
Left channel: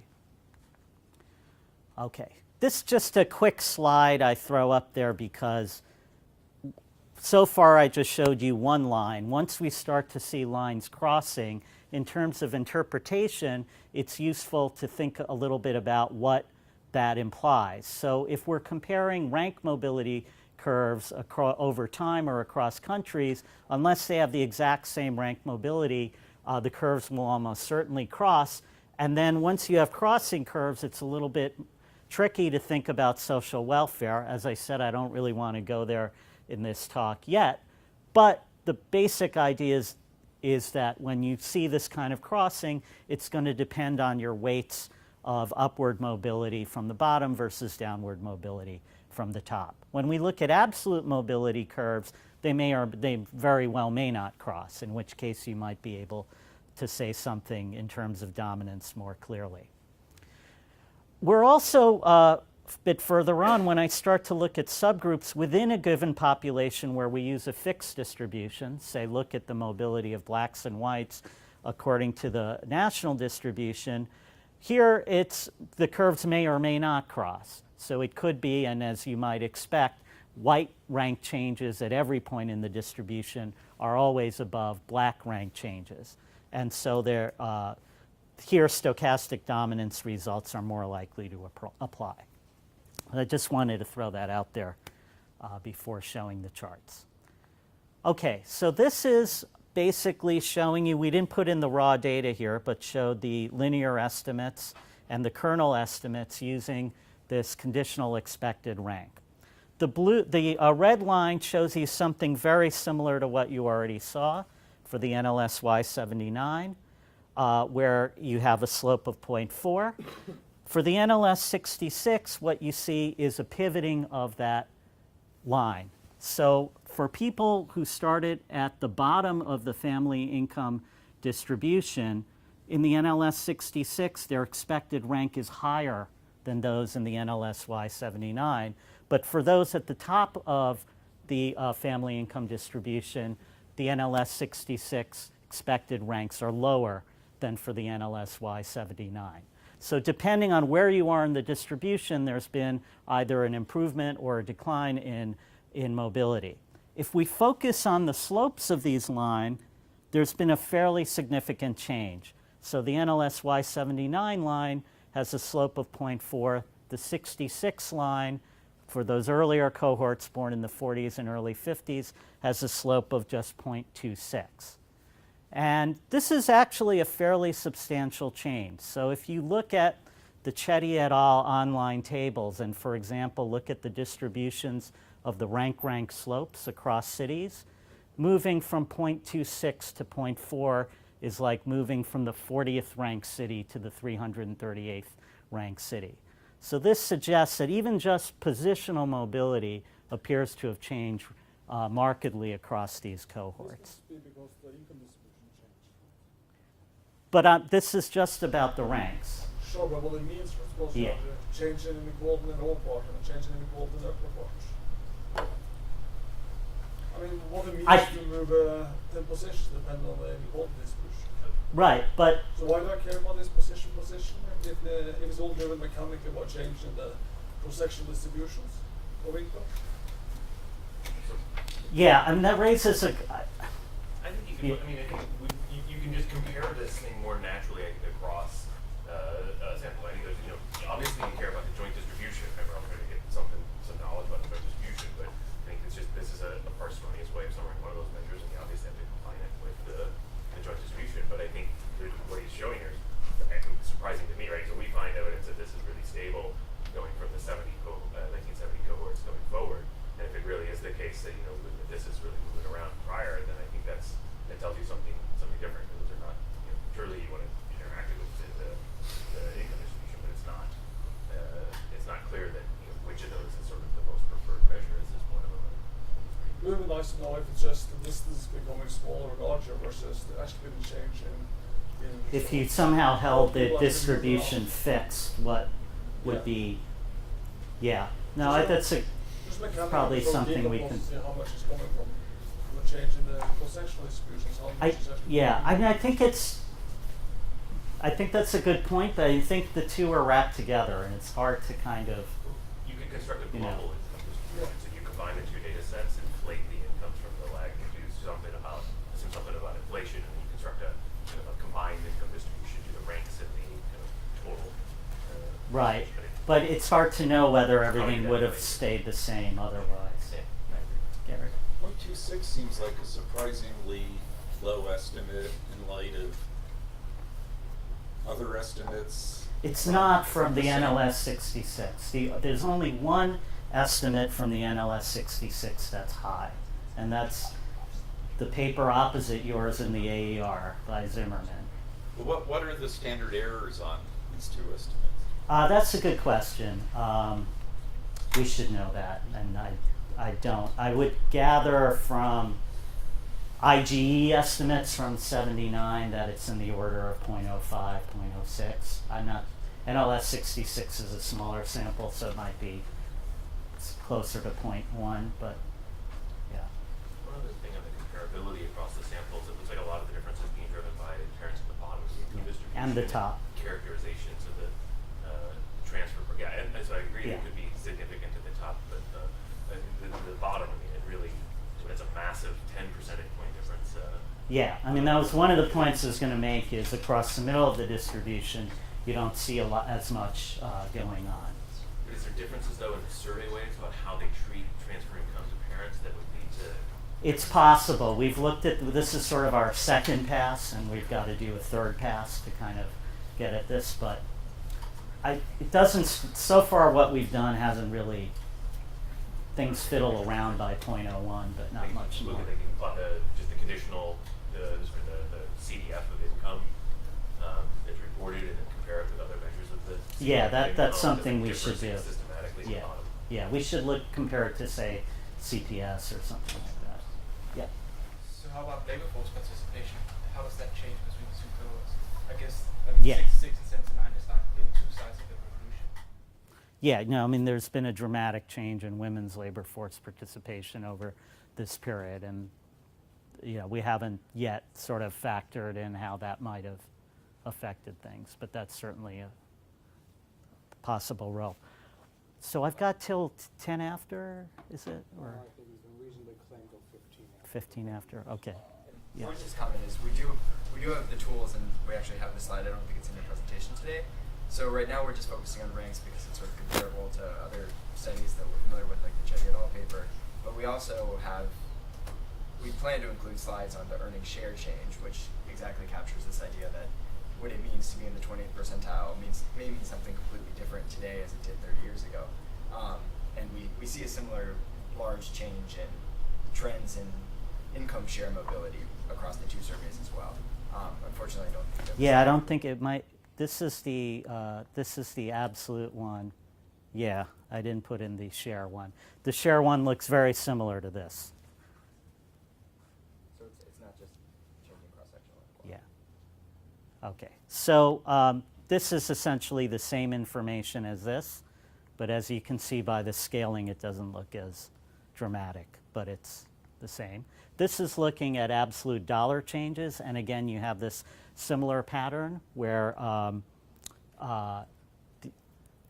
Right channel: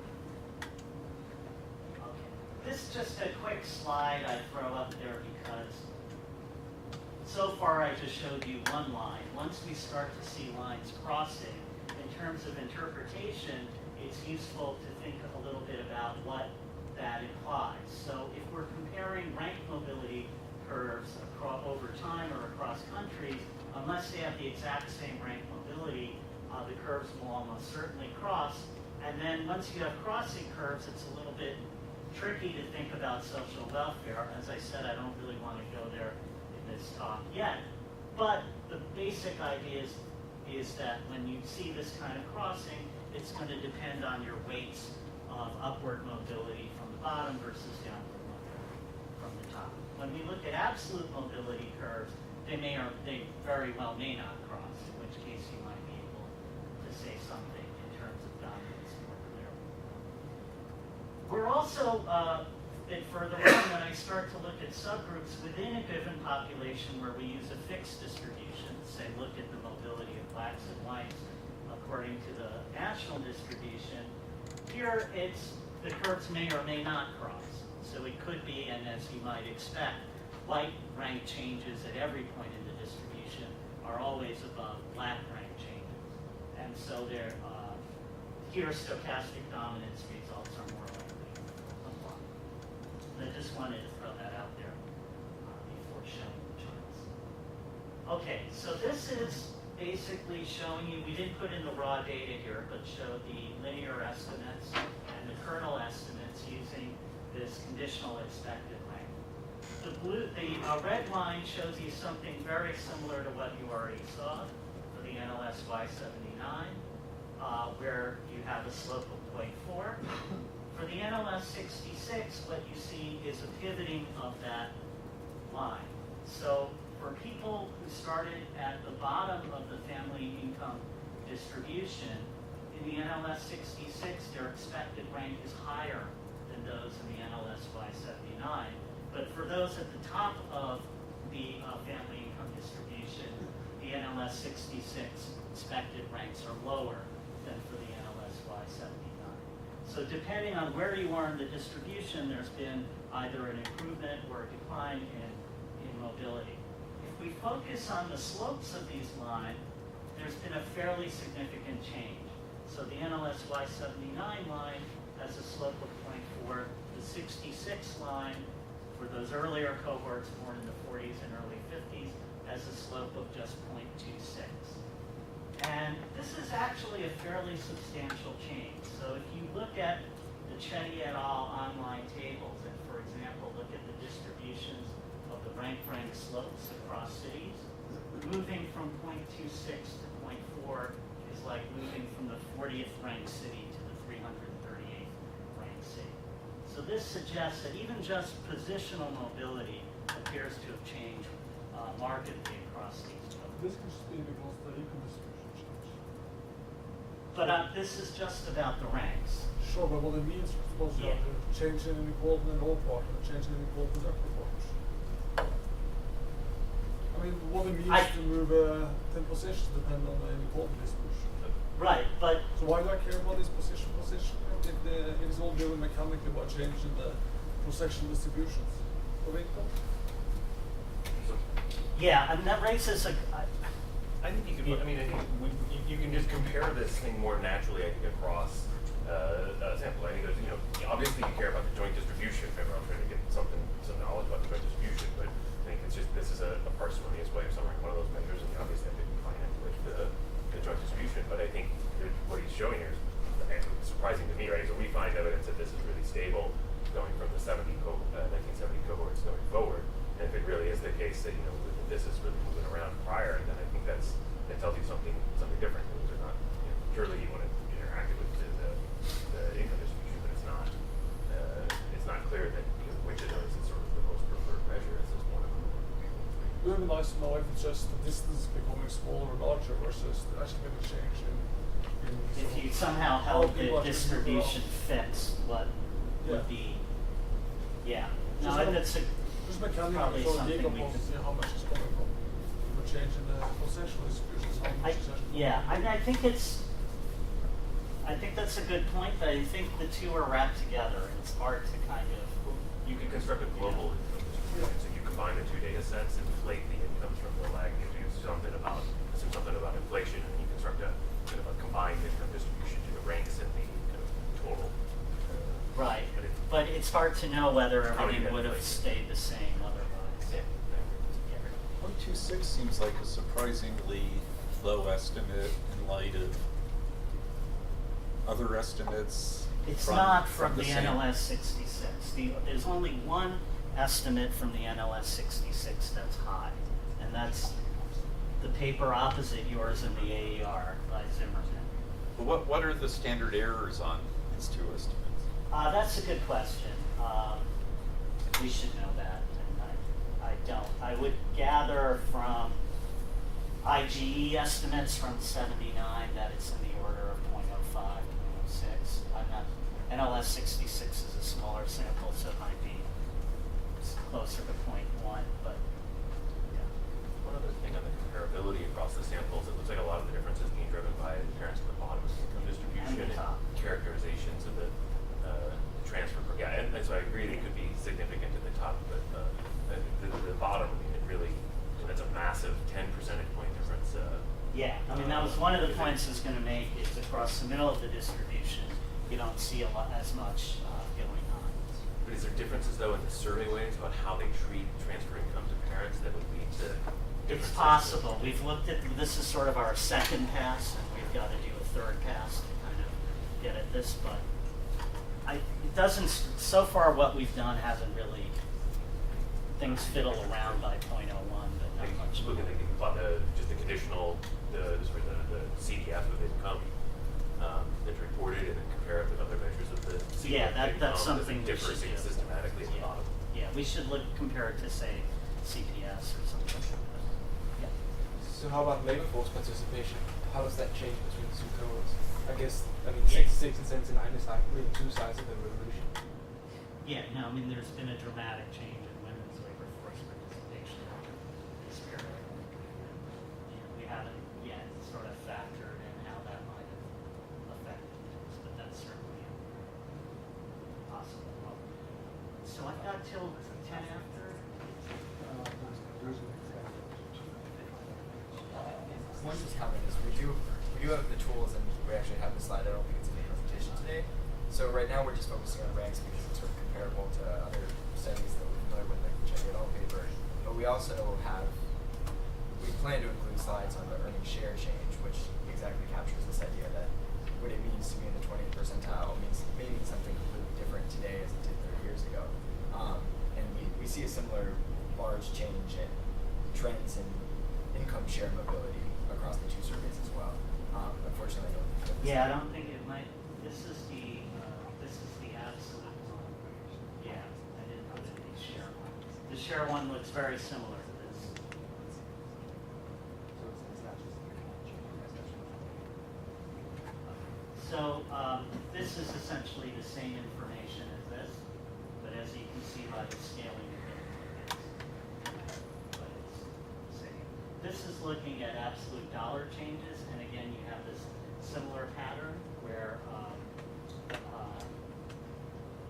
Okay, this is just a quick slide I throw up there because so far I just showed you one line. Once we start to see lines crossing, in terms of interpretation, it's useful to think a little bit about what that implies. So if we're comparing rank mobility curves over time or across countries, unless they have the exact same rank mobility, the curves will almost certainly cross. And then once you have crossing curves, it's a little bit tricky to think about social welfare. As I said, I don't really want to go there in this talk yet. But the basic idea is that when you see this kind of crossing, it's going to depend on your weights of upward mobility from the bottom versus downward mobility from the top. When we look at absolute mobility curves, they very well may not cross, in which case you might be able to say something in terms of dominance more clearly. We're also a bit further on when I start to look at subgroups within a given population where we use a fixed distribution, say look at the mobility of blacks and whites according to the national distribution. Here, the curves may or may not cross. So it could be, and as you might expect, white rank changes at every point in the distribution are always above black rank changes. And so here stochastic dominance results are more likely to apply. I just wanted to throw that out there before showing the charts. Okay, so this is basically showing you, we didn't put in the raw data here, but showed the linear estimates and the kernel estimates using this conditional expected rank. The red line shows you something very similar to what you already saw for the NLS Y79, where you have a slope of 0.4. For the NLS 66, what you see is a pivoting of that line. So for people who started at the bottom of the family income distribution, in the NLS 66, their expected rank is higher than those in the NLS Y79. But for those at the top of the family income distribution, the NLS 66 expected ranks are lower than for the NLS Y79. So depending on where you are in the distribution, there's been either an improvement or a decline in mobility. If we focus on the slopes of these lines, there's been a fairly significant change. So the NLS Y79 line has a slope of 0.4. The 66 line, for those earlier cohorts born in the 40s and early 50s, has a slope of just 0.26. And this is actually a fairly substantial change. So if you look at the Chetty et al. Online tables and, for example, look at the distributions of the rank slopes across cities, moving from 0.26 to 0.4 is like moving from the 40th ranked city to the 338th ranked city. So this suggests that even just positional mobility appears to have changed markedly across these cohorts. But this is just about the ranks. Sure, but what it means, I suppose, you have a change in inequality in all part and a change in inequality in upper part. I mean, what it means to move 10 positions depends on the inequality distribution. Right, but... So why do I care about this position? If it's all driven mechanically by changing the cross-sectional distributions of income? Yeah, and that raises a... I think you can. I mean, I think you can just compare this thing more naturally. I think across sample. I think there's, obviously you care about the joint distribution. I'm trying to get some knowledge about the joint distribution, but I think it's just this is a parsimonious way of summarizing one of those measures, and you obviously have to combine it with the joint distribution. But I think what he's showing here is surprising to me, right? So we find evidence that this is really stable going from the 1970 cohorts going forward. And if it really is the case that this is really moving around prior, then I think that tells you something different. Those are not surely you want to interact with the income distribution, but it's not clear that which of those is sort of the most preferred measure. Is this one of them? It would be nice to know if it's just the distance becoming smaller or larger versus actually been a change in if you somehow held the distribution fits what would be, no, that's probably something we can. How much is coming from a change in the cross-sectional distributions? I think that's a good point, but I think the two are wrapped together, and it's hard to kind of. You can construct a global income distribution, so you combine the two data sets, inflate the incomes from the lag, and assume something about inflation, and you construct a kind of a combined income distribution to the ranks and the kind of total. Right, but it's hard to know whether everything would have stayed the same otherwise. 0.26 seems like a surprisingly low estimate in light of other estimates. It's not from the NLS 66. There's only one estimate from the NLS 66 that's high, and that's the paper opposite yours in the AER by Zimmerman. But what are the standard errors on these two estimates? That's a good question. We should know that, and I don't. I would gather from IGE estimates from 79 that it's in the order of 0.05, 0.06. I'm not. NLS 66 is a smaller sample, so it might be closer to 0.1, but yeah. one other thing on the comparability across the samples. It looks like a lot of the difference is being driven by parents at the bottom of the income distribution And the top. characterizations of the transfer. Yeah, and so I agree it could be significant at the top, but the bottom, I mean, it really, that's a massive 10 percentage point difference. Yeah, I mean, that was one of the points I was going to make is across the middle of the distribution, you don't see as much going on. But is there differences, though, in the survey weights about how they treat transfer income to parents that would lead to? It's possible. We've looked at, this is sort of our second pass, and we've got to do a third pass to kind of get at this, but it doesn't, so far what we've done hasn't really, things fiddle around by 0.01, but not Like, much look more. at just the conditional, the CDF of income that's reported, and then compare it with other measures of the CDF Yeah, of income. that's something we should Differs do. systematically at the Yeah, bottom. yeah, we should compare it to, say, CPS or something like that. Yeah. So how about labor force participation? How does that change between the two cohorts? I guess, I mean, Yeah. 66 and 79 is like really two sides of the revolution. Yeah, no, I mean, there's been a dramatic change in women's labor force participation over this period, and we haven't yet sort of factored in how that might have affected things, but that's certainly a possible role. So I've got till 10 after, is it? 15 after, okay. One just comment is we do have the tools, and we actually have the slide. I don't think it's in the presentation today. So right now we're just focusing on ranks because it's sort of comparable to other studies that we're familiar with, like the Chen et al. Paper. But we also we plan to include slides on the earning share change, which exactly captures this idea that what it means to be in the 20th percentile may mean something completely different today as it did 30 years ago. And we see a similar large change in trends in income share mobility across the two surveys as well. Unfortunately, I don't think that's Yeah, I don't think it might, this is the absolute one. Yeah, I didn't put in the share one. The share one looks very similar to this. Yeah. Okay, so this is essentially the same information as this, but as you can see by the scaling, it doesn't look as dramatic, but it's the same. This is looking at absolute dollar changes, and again, you have this similar pattern where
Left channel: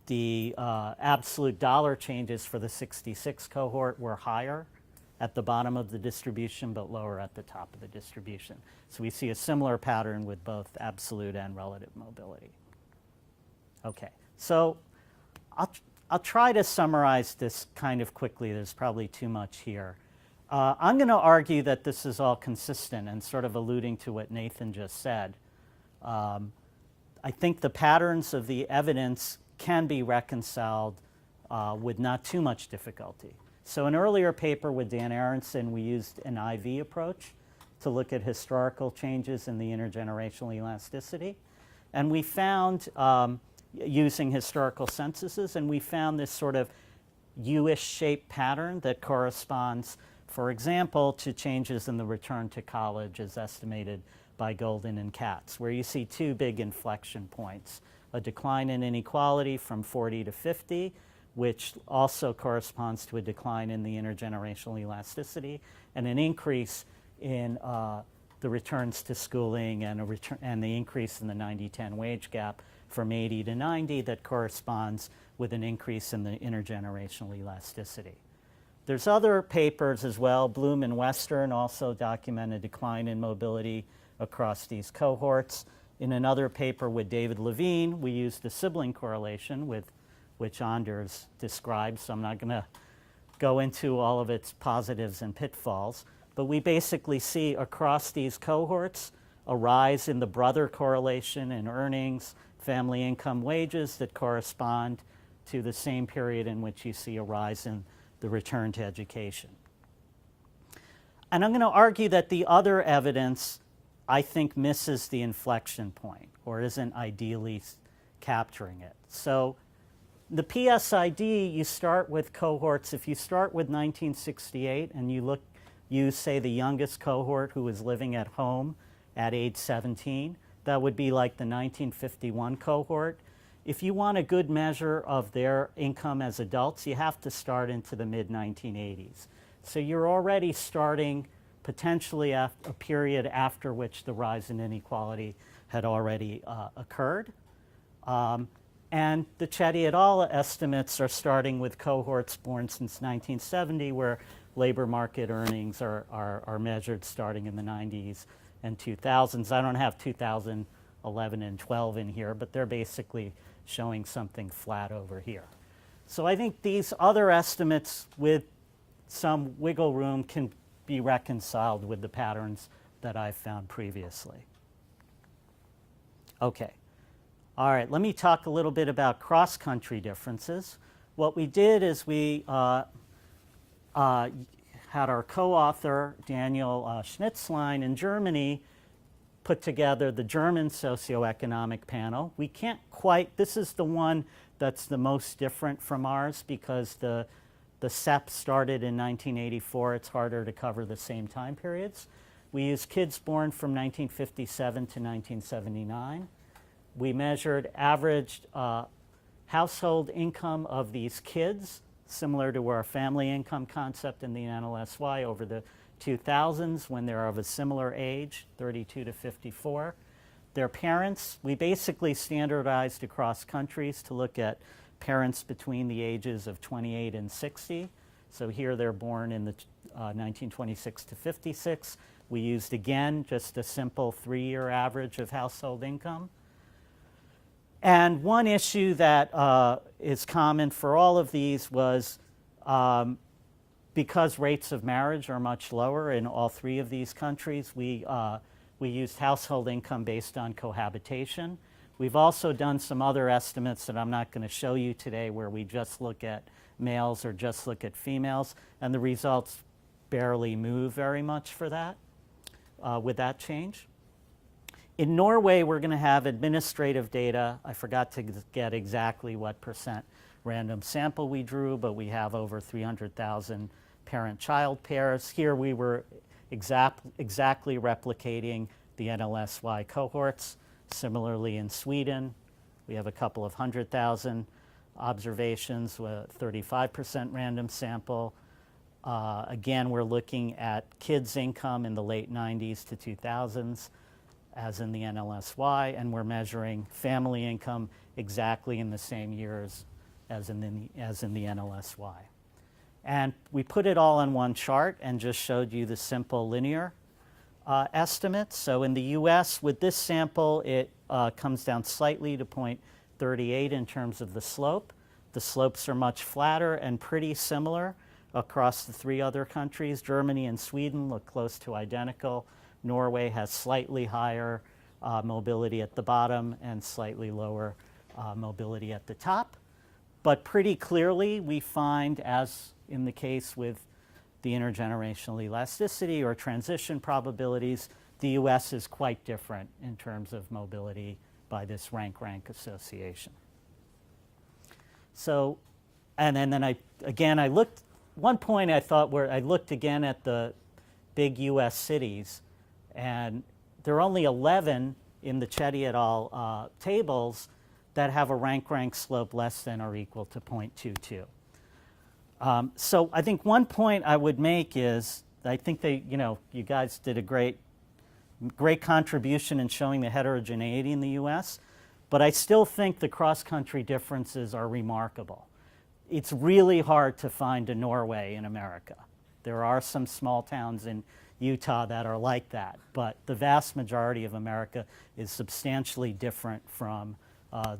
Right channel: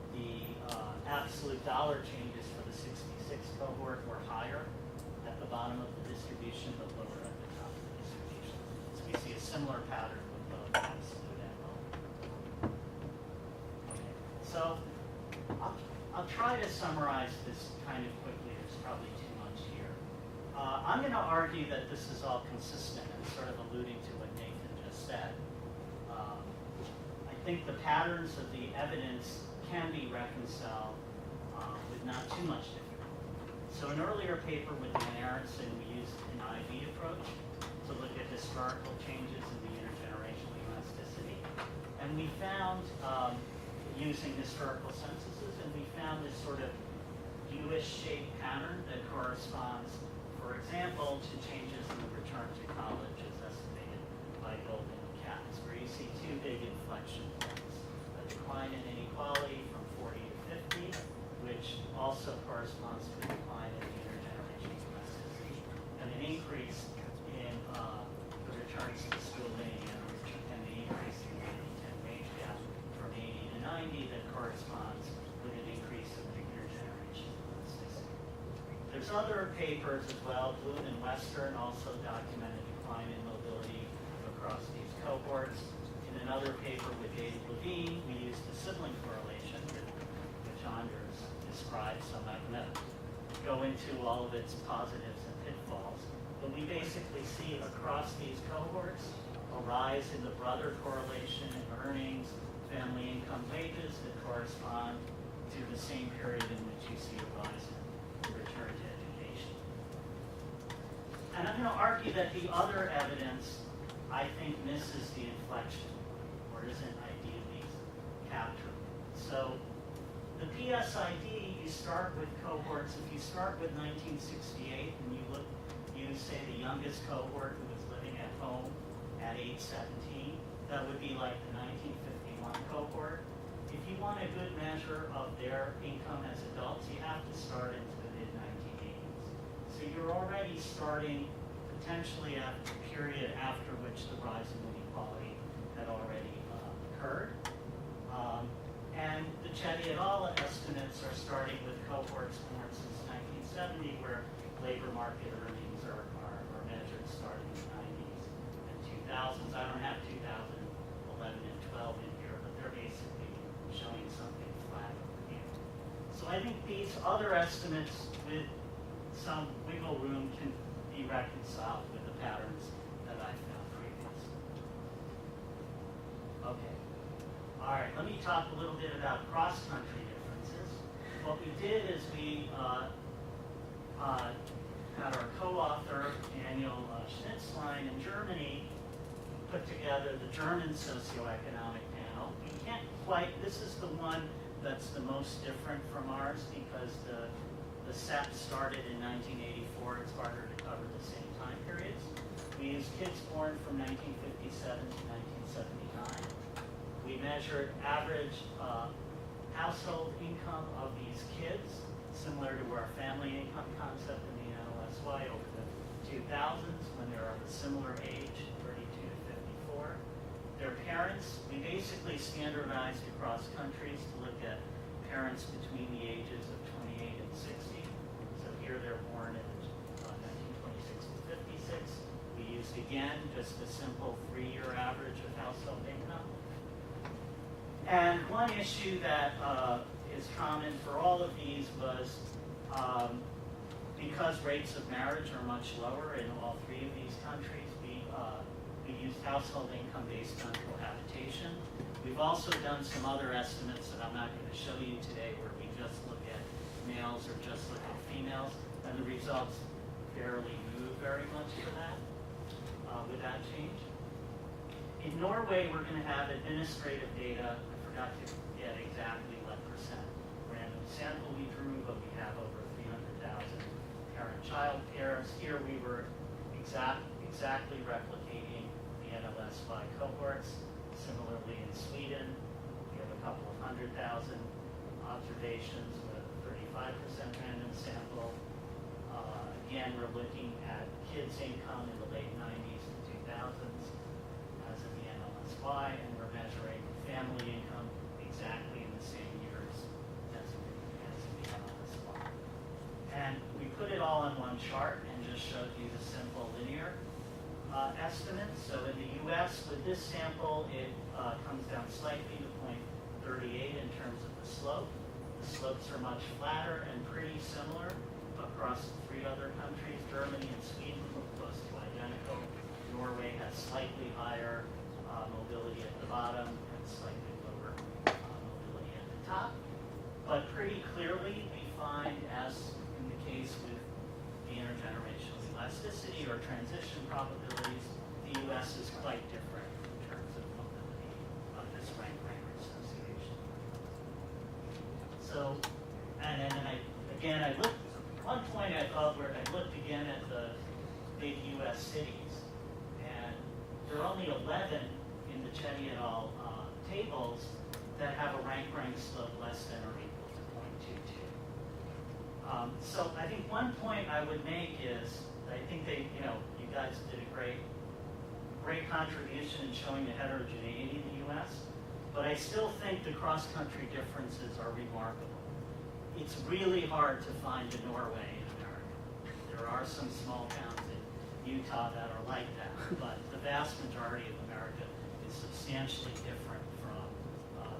the absolute dollar changes for the 66 cohort were higher at the bottom of the distribution, but lower at the top of the distribution. So we see a similar pattern with both absolute and relative mobility. Okay, so I'll try to summarize this kind of quickly. There's probably too much here. I'm going to argue that this is all consistent and sort of alluding to what Nathan just said. I think the patterns of the evidence can be reconciled with not too much difficulty. So an earlier paper with Dan Aronson, we used an IV approach to look at historical changes in the intergenerational elasticity. And we found, using historical censuses, and we found this sort of U-ish shaped pattern that corresponds, for example, to changes in the return to college as estimated by Golden and Katz, where you see two big inflection points. A decline in inequality from 40 to 50, which also corresponds to a decline in the intergenerational elasticity, and an increase in the returns to schooling and the increase in the 90-10 wage gap from 80 to 90 that corresponds with an increase in the intergenerational elasticity. There's other papers as well. Bloom and Western also document a decline in mobility across these cohorts. In another paper with David Levine, we used a sibling correlation which Anders described, so I'm not going to go into all of its positives and pitfalls. But we basically see across these cohorts a rise in the brother correlation in earnings, family income, wages that correspond to the same period in which you see a rise in the return to education. And I'm going to argue that the other evidence, I think, misses the inflection point or isn't ideally capturing it. So the PSID, you start with cohorts. If you start with 1968 and you say the youngest cohort who was living at home at age 17, that would be like the 1951 cohort. If you want a good measure of their income as adults, you have to start into the mid-1980s. So you're already starting potentially a period after which the rise in inequality had already occurred. And the Chetty et al. Estimates are starting with cohorts born since 1970, where labor market earnings are measured starting in the 90s and 2000s. I don't have 2011 and 12 in here, but they're basically showing something flat over here. So I think these other estimates with some wiggle room can be reconciled with the patterns that I found previously. Okay. All right, let me talk a little bit about cross-country differences. What we did is we had our co-author, Daniel Schnitzlein in Germany, put together the German socioeconomic panel. We can't quite, this is the one that's the most different from ours because the set started in 1984. It's harder to cover the same time periods. We used kids born from 1957 to 1979. We measured average household income of these kids, similar to our family income concept in the NLSY over the 2000s when they're of a similar age, 32 to 54. Their parents, we basically standardized across countries to look at parents between the ages of 28 and 60. So here they're born in the 1926 to 56. We used, again, just a simple 3-year average of household income. And one issue that is common for all of these was because rates of marriage are much lower in all 3 of these countries, we used household income based on cohabitation. We've also done some other estimates that I'm not going to show you today where we just look at males or just look at females, and the results barely move very much for that, with that change. In Norway, we're going to have administrative data. I forgot to get exactly what % random sample we drew, but we have over 300,000 parent-child pairs. Here we were exactly replicating the NLSY cohorts. Similarly in Sweden, we have a couple of 100,000 observations with a 35% random sample. Again, we're looking at kids' income in the late 90s to 2000s, as in the NLSY, and we're measuring family income exactly in the same years as in the NLSY. And we put it all on one chart and just showed you the simple linear estimates. So in the US, with this sample, it comes down slightly to 0.38 in terms of the slope. The slopes are much flatter and pretty similar across the 3 other countries. Germany and Sweden look close to identical. Norway has slightly higher mobility at the bottom and slightly lower mobility at the top. But pretty clearly, we find, as in the case with the intergenerational elasticity or transition probabilities, the US is quite different in terms of mobility by this rank-rank association. So, and then I looked, one point I thought where I looked again at the big US cities, and there are only 11 in the Chetty et al. Tables that have a rank-rank slope less than or equal to 0.22. So I think one point I would make is, I think you guys did a great contribution in showing the heterogeneity in the US, but I still think the cross-country differences are remarkable. It's really hard to find a Norway in America. There are some small towns in Utah that are like that, but the vast majority of America is substantially different from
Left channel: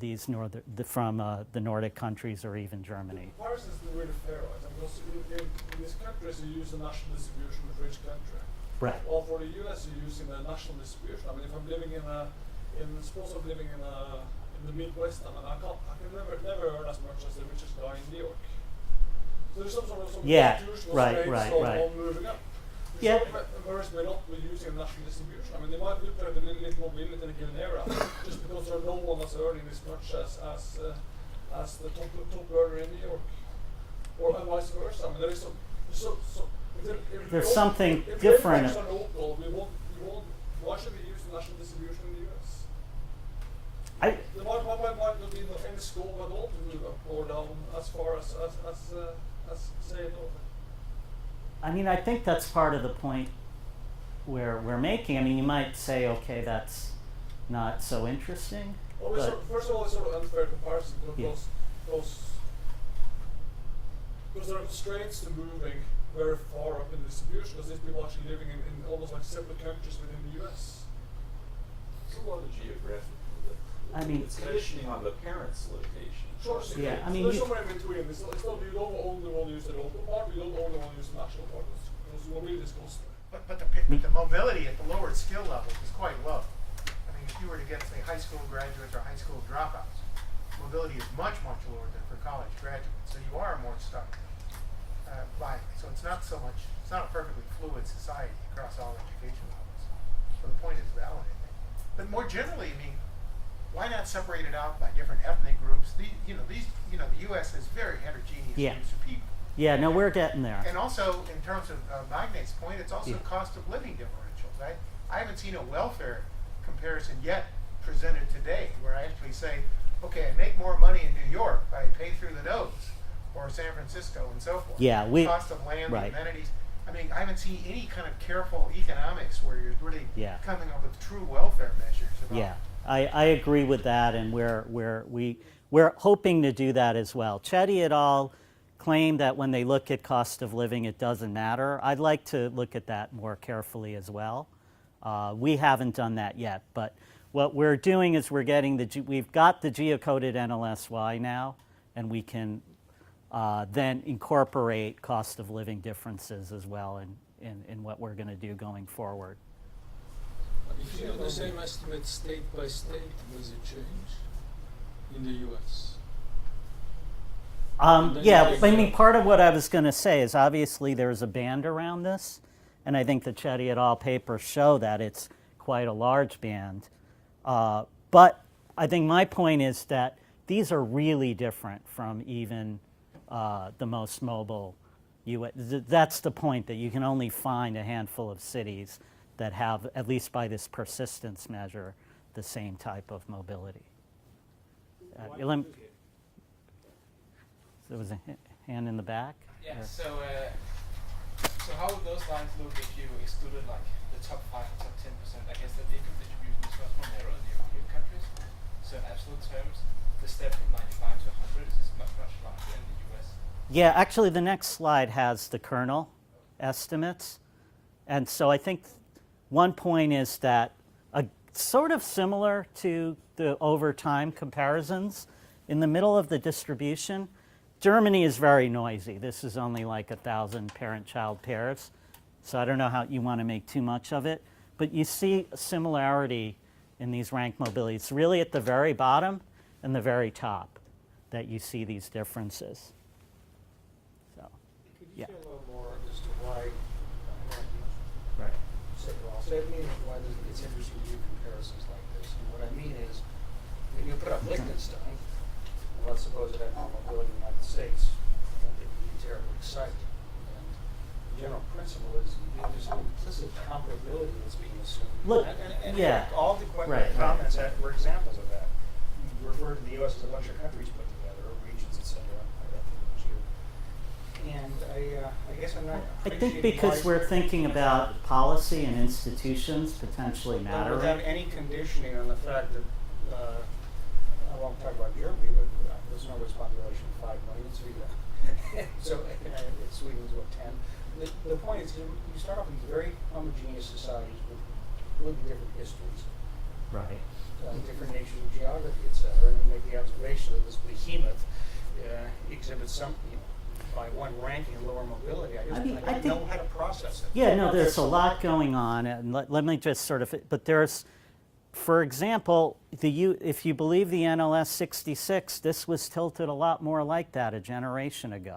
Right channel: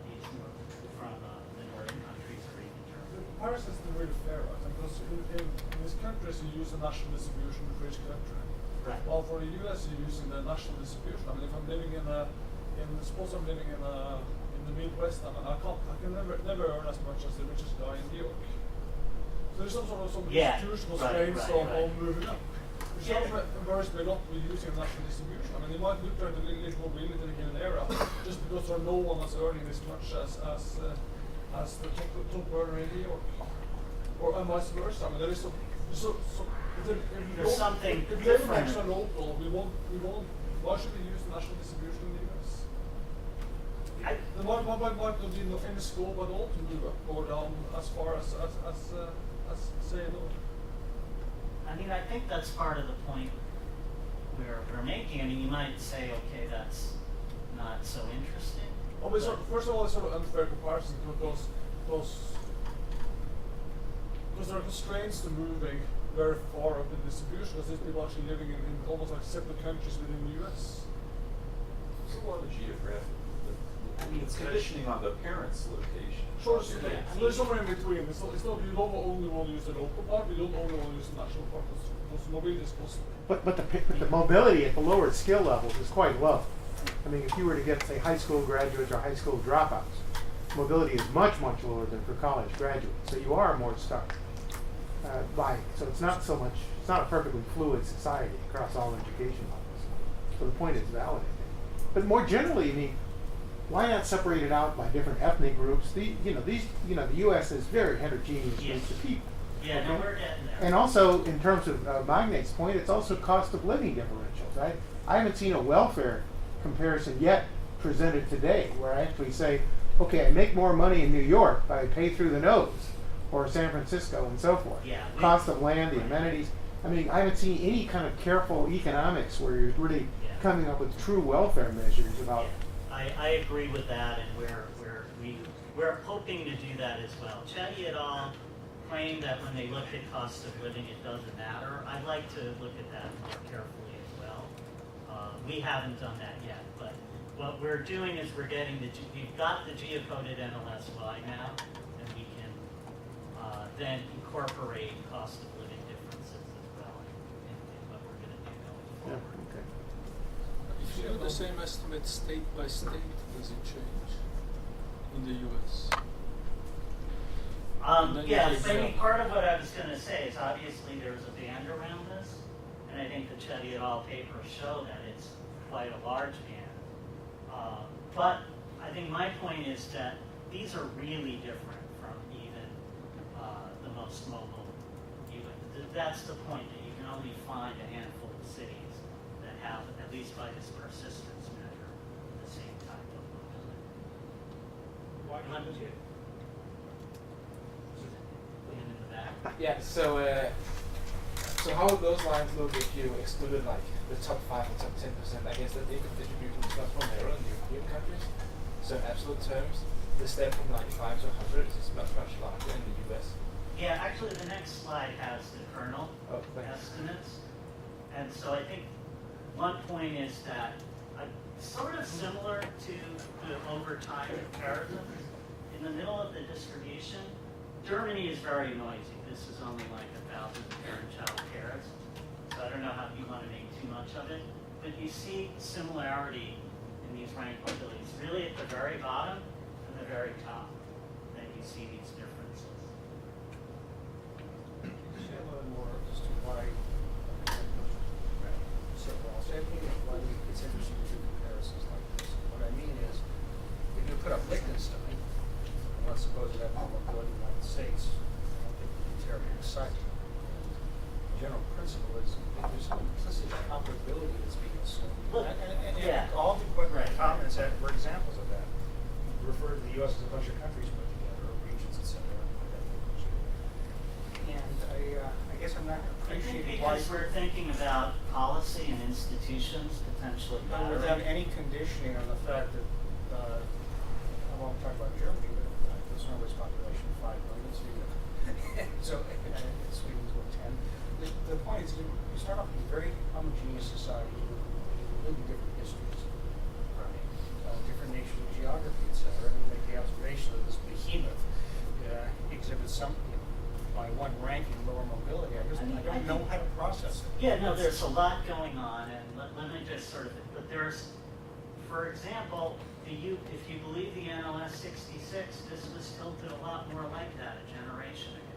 the Nordic countries or even Germany. Paris isn't really fair, right? Because in these countries you use a national distribution for each country. Right. Well, for the US you're using the national distribution. I mean, if I'm living suppose I'm living in the Midwest, I mean, I can never earn as much as the richest guy in New York. So there's some sort of constitutional strains on moving up. Yeah. Some embarrassed me not with using national distribution. I mean, they might look at a little mobility in a given area just because there are no one that's earning as much as the top earner in New York, and vice versa. I mean, there is there's something if different. If are local, we won't. Why should we use the national distribution in the US? There might not be any scope at all to move up or down as far as say no. I mean, I think that's part of the point where we're making. I mean, you might say, okay, that's not so interesting. Well, but- first of all, it's sort of unfair comparison Yeah. because there are constraints to moving very far up in distribution, because there's people actually living in almost like separate countries within the US. It's a lot of geographic. I mean, it's conditioning on the parent's location. Sure, Yeah, I mean, there's you- somewhere in between. It's not you don't only want to use the local part, you don't only want to use the national part, because mobility is costly. But the mobility at the lower skill levels is quite low. I mean, if you were to get, say, high school graduates or high school dropouts, mobility is much, much lower than for college graduates. So you are more stuck by, so it's not so much, it's not a perfectly fluid society across all education levels. So the point is valid, I think. But more generally, I mean, why not separate it out by different ethnic groups? The U.S. is very heterogeneous Yeah. groups of people. Yeah, no, we're getting there. And also, in terms of Magnate's point, it's also cost of living differentials. I haven't seen a welfare comparison yet presented today where I actually say, okay, I make more money in New York, but I pay through the nose, or San Francisco and so forth. Yeah, cost of land, right. the amenities. I mean, I haven't seen any kind of careful economics where you're really Yeah. coming up with true welfare measures about. Yeah, I agree with that, and we're hoping to do that as well. Chetty et al. Claim that when they look at cost of living, it doesn't matter. I'd like to look at that more carefully as well. We haven't done that yet, but what we're doing is we're getting we've got the geocoded NLSY now, and we can then incorporate cost of living differences as well in what we're going to do going forward. If you do the same estimate state by state, does it change in the US? Yeah, I mean, part of what I was going to say is obviously there's a band around this, and I think the Chetty et al. Papers show that it's quite a large band. But I think my point is that these are really different from even the most mobile US. That's the point, that you can only find a handful of cities that have, at least by this persistence measure, the same type of mobility. There was a hand in the back. Yeah, so how would those lines look if you excluded like the top 5 and top 10%? I guess that the income distribution is much more narrow in the European countries. So in absolute terms, the step from 95 to 100 is much, much larger in the US. Yeah, actually the next slide has the kernel estimates. And so I think one point is that sort of similar to the over time comparisons, in the middle of the distribution, Germany is very noisy. This is only like 1,000 parent-child pairs. So I don't know how you want to make too much of it. But you see a similarity in these rank mobility. It's really at the very bottom and the very top that you see these differences. Yeah. A little more as to why, I'll say why it's interesting to do comparisons like this. And what I mean is, if you put up Liechtenstein, and let's suppose it had more mobility in the United States, I don't think we'd be terribly excited. And the general principle is there's an implicit comparability that's being assumed. Look, and yeah. all the Right. comments were examples of that. You refer to the U.S. as a bunch of countries put together, or regions, etc. And I guess I'm not I think appreciating because why- we're thinking about policy and institutions potentially But mattering. without any conditioning on the fact that, I won't talk about Germany, but there's no its population of 5 million, so Sweden's what, 10? The point is, you start off with these very homogeneous societies with really different histories, Right. different natures of geography, etc. And you make the observation that this behemoth exhibits some, by one ranking lower mobility. I don't know how to process it. Yeah, no, there's a lot going on, and let me just sort of, but there's, for example, if you believe the NLS 66, this was tilted a lot more like that a generation ago.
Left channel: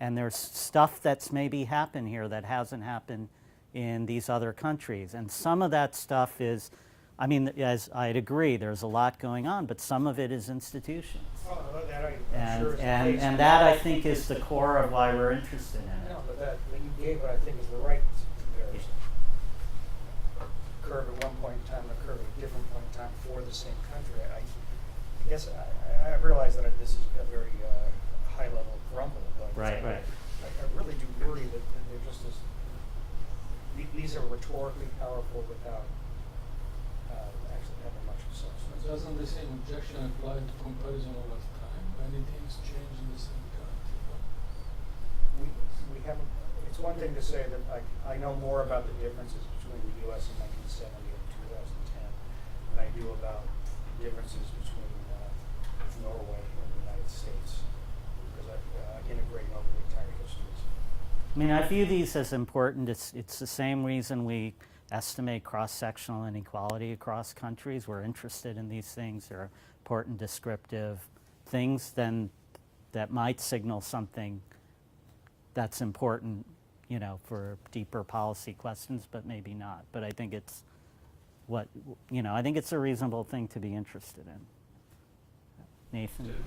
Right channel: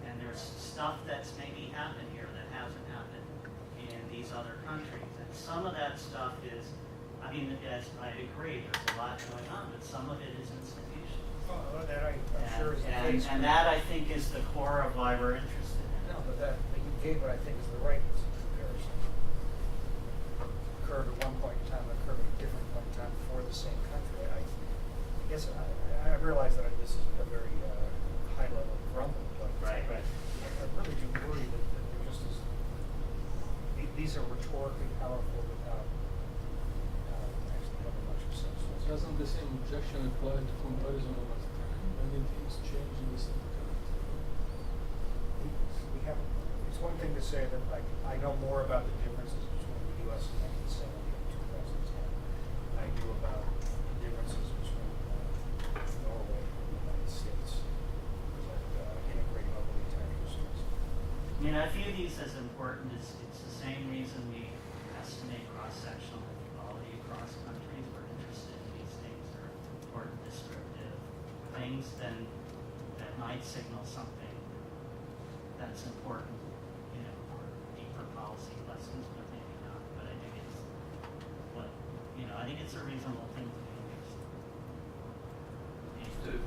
And there's stuff that's maybe happened here that hasn't happened in these other countries. And some of that stuff is, I mean, as I'd agree, there's a lot going on, but some of it is institutions. That I'm sure is the case. And that, I think, is the core of why we're interested in it. No, but that you gave what I think is the right comparison. Curve at one point in time, and a curve at a different point in time for the same country. I guess I realize that this is a very high level grumble, but Right. I really do worry that they're just rhetorically powerful without actually having much of substance. Doesn't the same objection apply to comparison over time? Many things change in the same country. We have, it's one thing to say that like I know more about the differences between the U.S. in 1970 and 2010 than I do about differences between Norway and the United States because I'm integrating over the entire histories. I mean, I view these as important. It's the same reason we estimate cross-sectional inequality across countries. We're interested in these things. They're important descriptive things then that might signal something that's important, you know, for deeper policy questions, but maybe not. But I think it's I think it's a reasonable thing to be interested in. Nathan?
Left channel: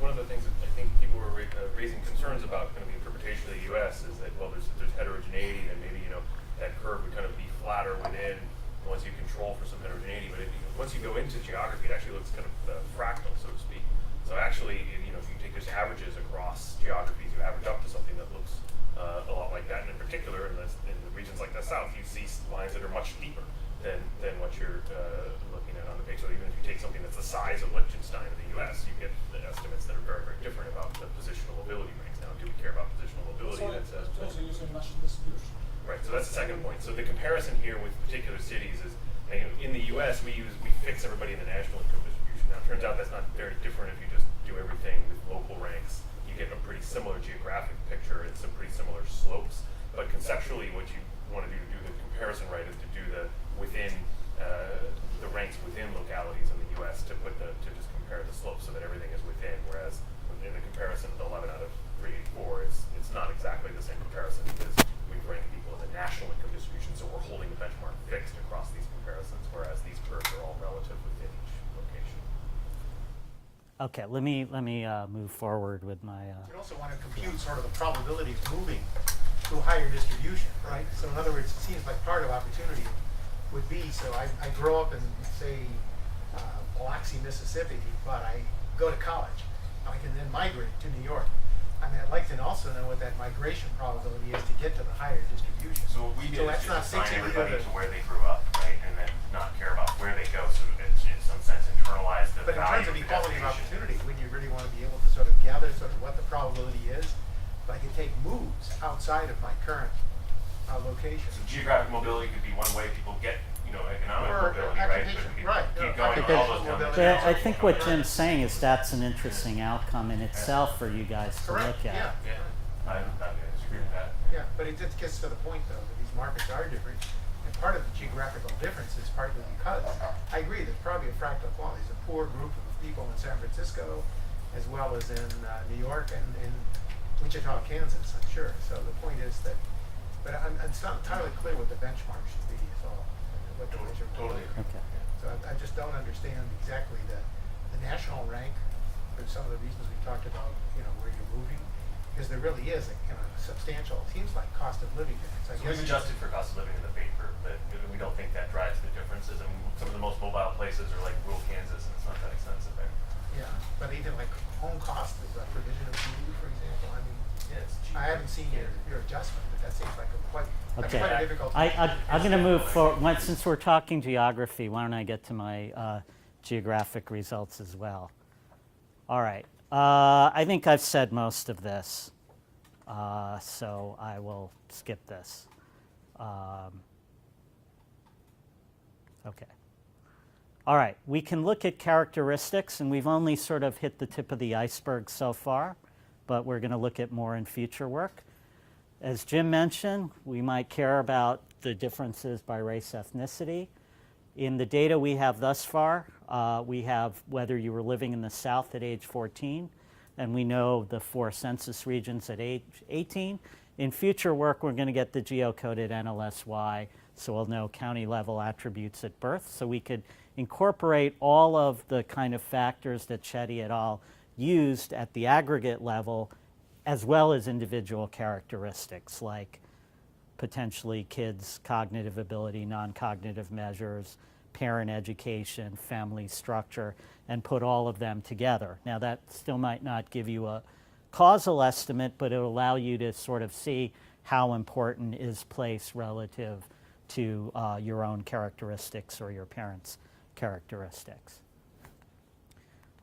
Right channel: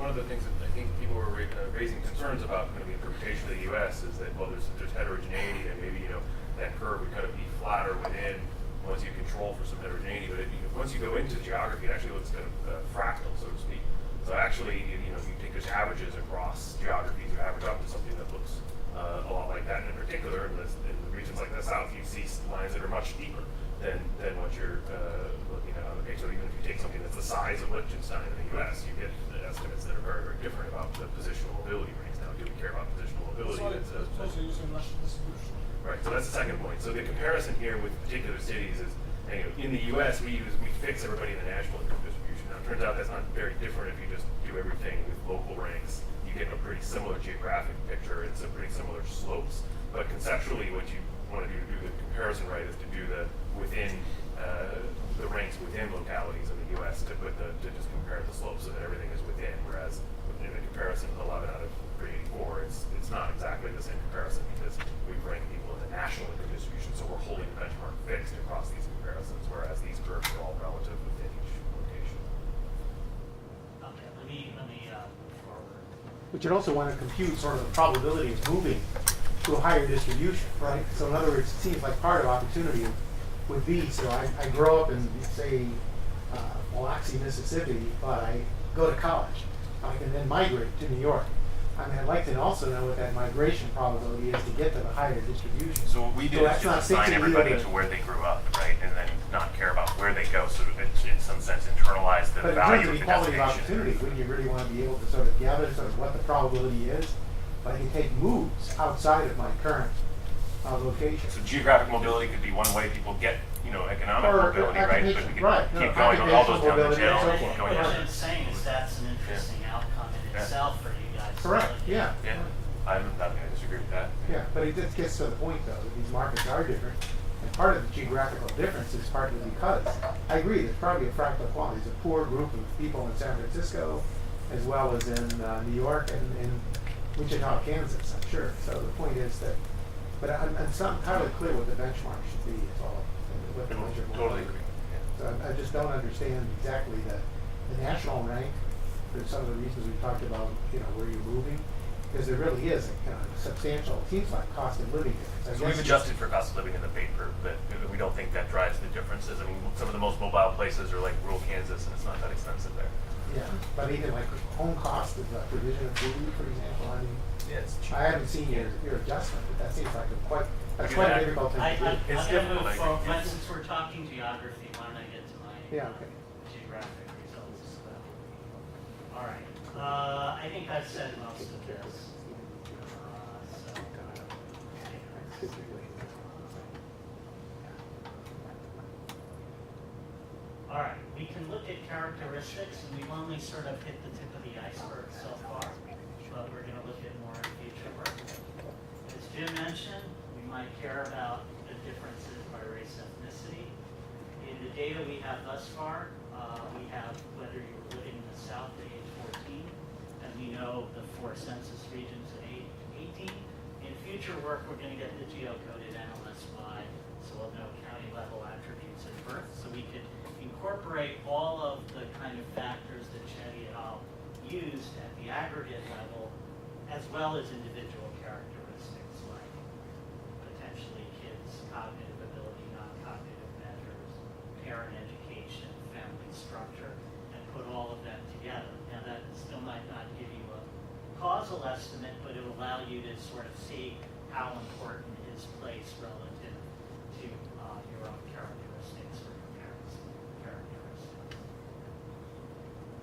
One of the things that I think people were raising concerns about kind of the interpretation of the U.S. is that, well, there's heterogeneity, and maybe, you know, that curve would kind of be flatter within once you control for some heterogeneity. But once you go into geography, it actually looks kind of fractal, so to speak. So actually, you know, if you take those averages across geographies, you average up to something that looks a lot like that. And in particular, in the regions like the South, you see lines that are much steeper than what you're looking at on the page. So even if you take something that's the size of Liechtenstein in the U.S., you get estimates that are very, very different about the positional mobility ranks. Now, do we care about positional mobility? It's also using national distribution. Right, so that's the second point. So the comparison here with particular cities is, you know, in the U.S. we fix everybody in the national income distribution. Now it turns out that's not very different if you just do everything with local ranks. You get a pretty similar geographic picture and some pretty similar slopes. But conceptually, what you want to do the comparison right is to do the within the ranks within localities in the U.S. to just compare the slopes so that everything is within. Whereas in the comparison of 11 out of 384, it's not exactly the same comparison because we rank people in the national income distribution, so we're holding the benchmark fixed across these comparisons, whereas these curves are all relative within each location. Okay, let me move forward with my. But you'd also want to compute sort of the probability of moving to a higher distribution, right? So in other words, it seems like part of opportunity would be, so I grow up in, say, Biloxi, Mississippi, but I go to college. I can then migrate to New York. I mean, I'd like to also know what that migration probability is to get to the higher distribution. So what we do is just assign everybody to where they grew up, right, and then not care about where they go. So it's in some sense internalize the value of the But in terms of equality of destination. opportunity, wouldn't you really want to be able to sort of gather sort of what the probability is? But I can take moves outside of my current location. So geographic mobility could be one way people get, you know, economic mobility, right? But we can keep going on all those down the Jeff, channels. I think what Jim's saying is that's an interesting outcome in itself for you guys to Correct, look at. yeah. I'm not going to disagree with that. Yeah, but it just gets to the point though, that these markets are different. And part of the geographical difference is partly because, I agree, there's probably a fractal quality. There's a poor group of people in San Francisco, as well as in New York and in Wichita, Kansas, I'm sure. So the point is that, but I'm not entirely clear what the benchmark should be at all. What the measurement Totally is. agree. So I just don't understand exactly the national rank. There's some of the reasons we talked about, you know, where you're moving, because there really is a kind of substantial, seems like cost of living difference. So we've adjusted for cost of living in the paper, but we don't think that drives the differences. I mean, some of the most mobile places are like rural Kansas, and it's not that expensive there. Yeah, but even like home cost of provision of food, for example, I mean, Yeah, it's cheap. I haven't seen your adjustment, but that seems like that's quite difficult to do. I'm It's going to move difficult, forward. I think. Since we're talking geography, why don't I get to my Yeah, okay. geographic results as well? All right. I think I've said most of this, so I will skip this. Okay. All right. We can look at characteristics, and we've only sort of hit the tip of the iceberg so far, but we're going to look at more in future work. As Jim mentioned, we might care about the differences by race, ethnicity. In the data we have thus far, we have whether you were living in the South at age 14, and we know the 4 census regions at age 18. In future work, we're going to get the geocoded NLSY, so we'll know county level attributes at birth. So we could incorporate all of the kind of factors that Chetty et al. Used at the aggregate level, as well as individual characteristics like potentially kids' cognitive ability, non-cognitive measures, parent education, family structure, and put all of them together. Now that still might not give you a causal estimate, but it'll allow you to sort of see how important is place relative to your own characteristics or your parents' characteristics.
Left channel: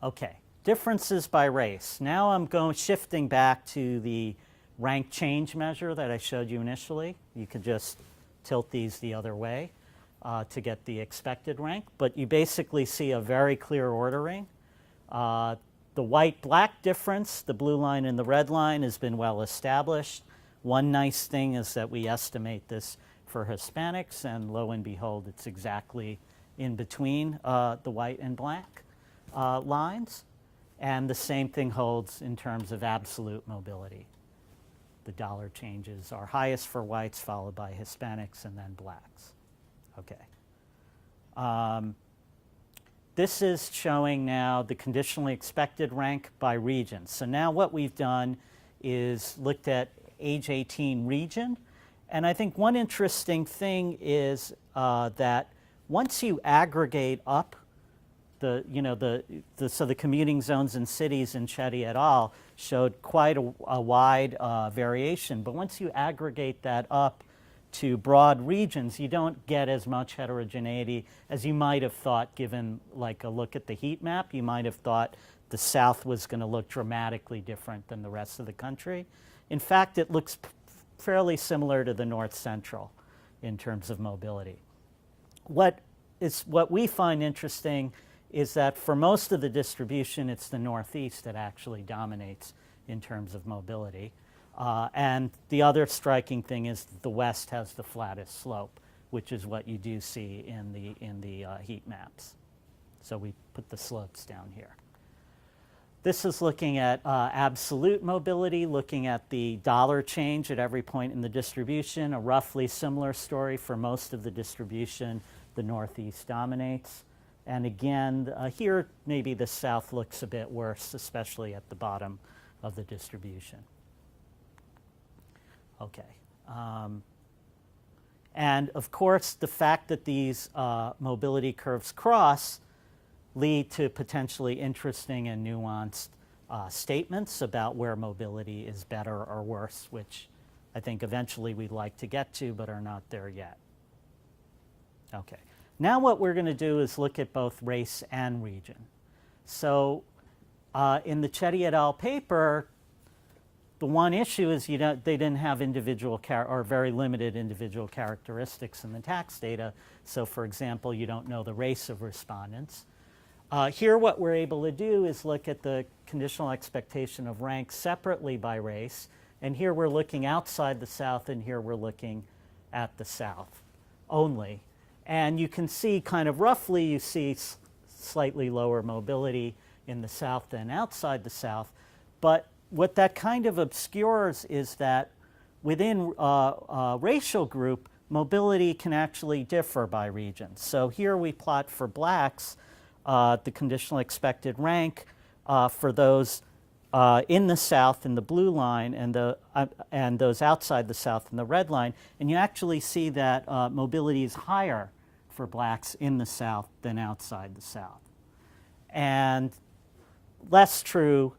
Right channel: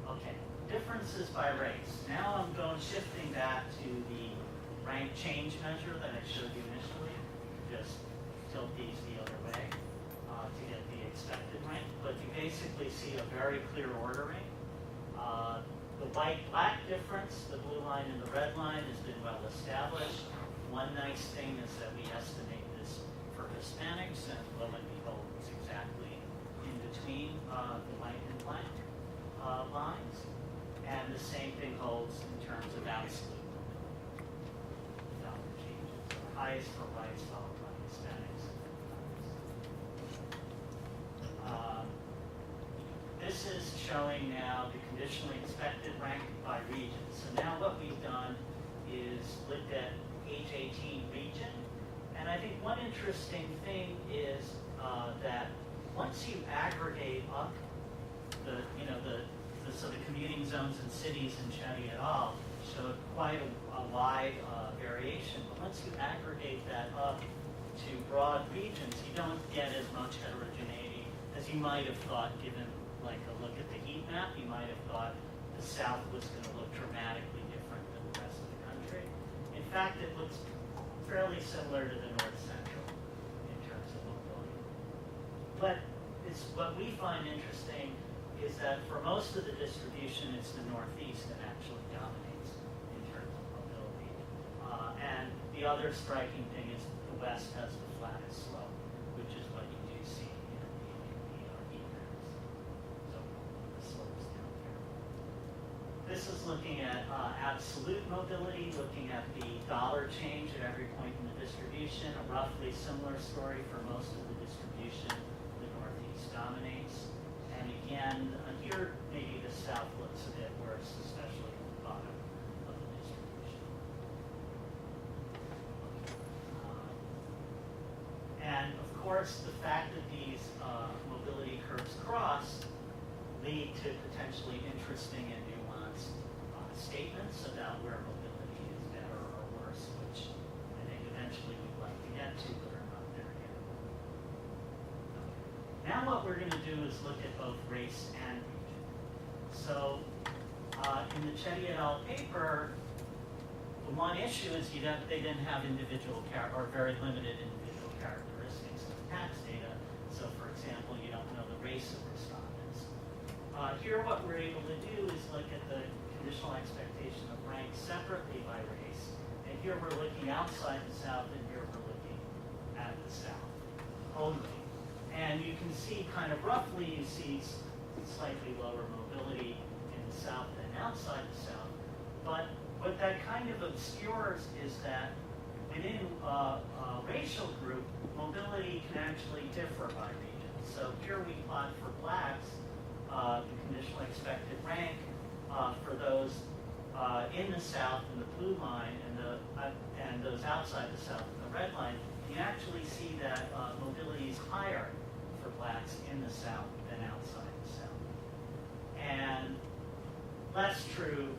Okay, differences by race. Now I'm shifting back to the rank change measure that I showed you initially. You could just tilt these the other way to get the expected rank, but you basically see a very clear ordering. The white-black difference, the blue line and the red line, has been well established. One nice thing is that we estimate this for Hispanics, and lo and behold, it's exactly in between the white and black lines. And the same thing holds in terms of absolute mobility. The dollar changes are highest for whites, followed by Hispanics, and then blacks. Okay. This is showing now the conditionally expected rank by region. So now what we've done is looked at age 18 region. And I think one interesting thing is that once you aggregate up the commuting zones in cities in Chetty et al. Showed quite a wide variation. But once you aggregate that up to broad regions, you don't get as much heterogeneity as you might have thought, given like a look at the heat map. You might have thought the South was going to look dramatically different than the rest of the country. In fact, it looks fairly similar to the North Central in terms of mobility. What we find interesting is that for most of the distribution, it's the Northeast that actually dominates in terms of mobility. And the other striking thing is the West has the flattest slope, which is what you do see in the heat maps. So we put the slopes down here. This is looking at absolute mobility, looking at the dollar change at every point in the distribution. A roughly similar story for most of the distribution. The Northeast dominates. And again, here maybe the South looks a bit worse, especially at the bottom of the distribution. Okay. And of course, the fact that these mobility curves cross lead to potentially interesting and nuanced statements about where mobility is better or worse, which I think eventually we'd like to get to, but are not there yet. Okay. Now what we're going to do is look at both race and region. So in the Chetty et al. Paper, the one issue is they didn't have individual or very limited individual characteristics in the tax data. So for example, you don't know the race of respondents. Here what we're able to do is look at the conditional expectation of rank separately by race. And here we're looking outside the South, and here we're looking at the South only. And you can see kind of roughly, you see slightly lower mobility in the South than outside the South. But what that kind of obscures is that within a racial group, mobility can actually differ by region. So here we plot for blacks the conditional expected rank for those in the South in the blue line, and those outside the South in the red line. And you actually see that mobility is higher for blacks in the South than outside the South. And less true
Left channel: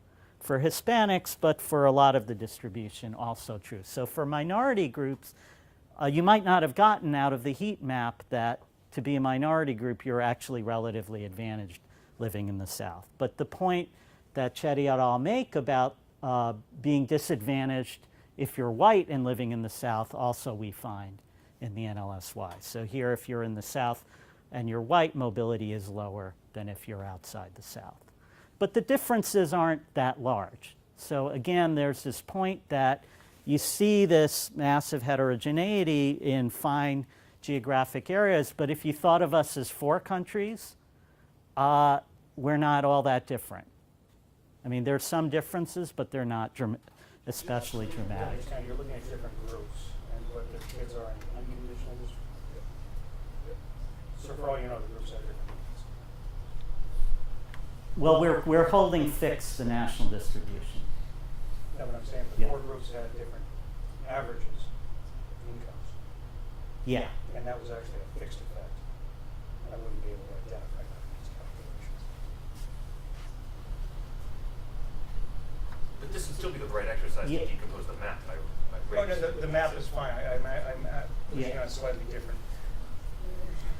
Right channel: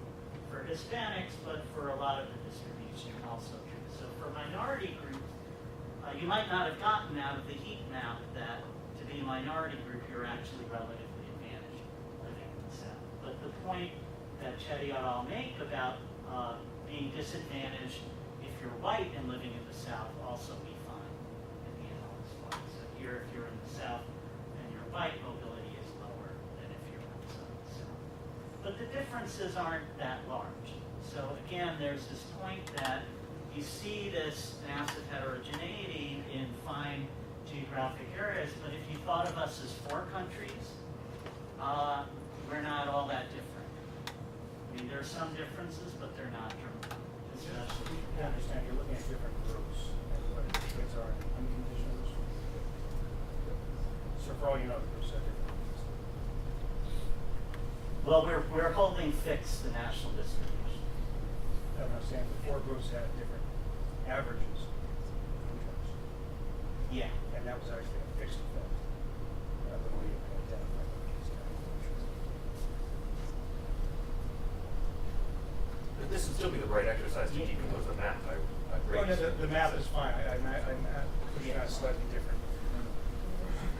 for Hispanics, but for a lot of the distribution also true. So for minority groups, you might not have gotten out of the heat map that to be a minority group, you're actually relatively advantaged living in the South. But the point that Chetty et al. Make about being disadvantaged if you're white and living in the South, also we find in the NLSY. So here, if you're in the South and you're white, mobility is lower than if you're outside the South. But the differences aren't that large. So again, there's this point that you see this massive heterogeneity in fine geographic areas, but if you thought of us as 4 countries, we're not all that different. I mean, there's some differences, but they're not especially You Uh, dramatic. understand, you're looking at different groups, and what the kids are in unconditional distribution. So for all you know, the groups have different needs. Well, we're holding fixed the national distribution. That's what I'm saying, but Yeah. 4 groups had different averages of incomes, Yeah. and that was actually a fixed effect. I wouldn't be able to identify these calculations. This would still be the right exercise to decompose the map by Oh, no, race. the map is fine. I'm pushing Yeah. on slightly different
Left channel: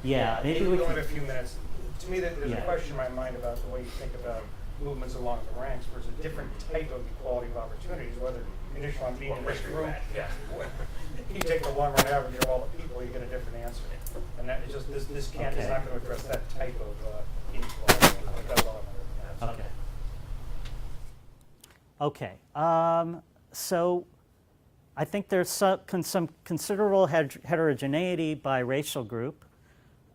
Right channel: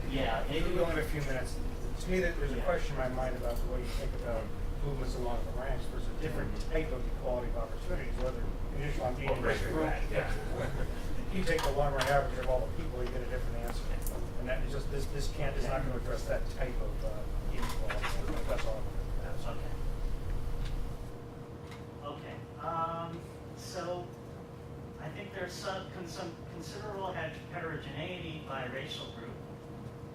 Yeah, We it- only have a few minutes. To me, there's Yeah. a question in my mind about the way you think about movements along the ranks versus different type of equality of opportunities, whether initially I'm being in this room. Yeah. If you take the long run average of all the people, you get a different answer. And that is just, this can't, is not gonna address that type of inequality. That's all I'm gonna ask. Okay. So I think there's some considerable heterogeneity by racial group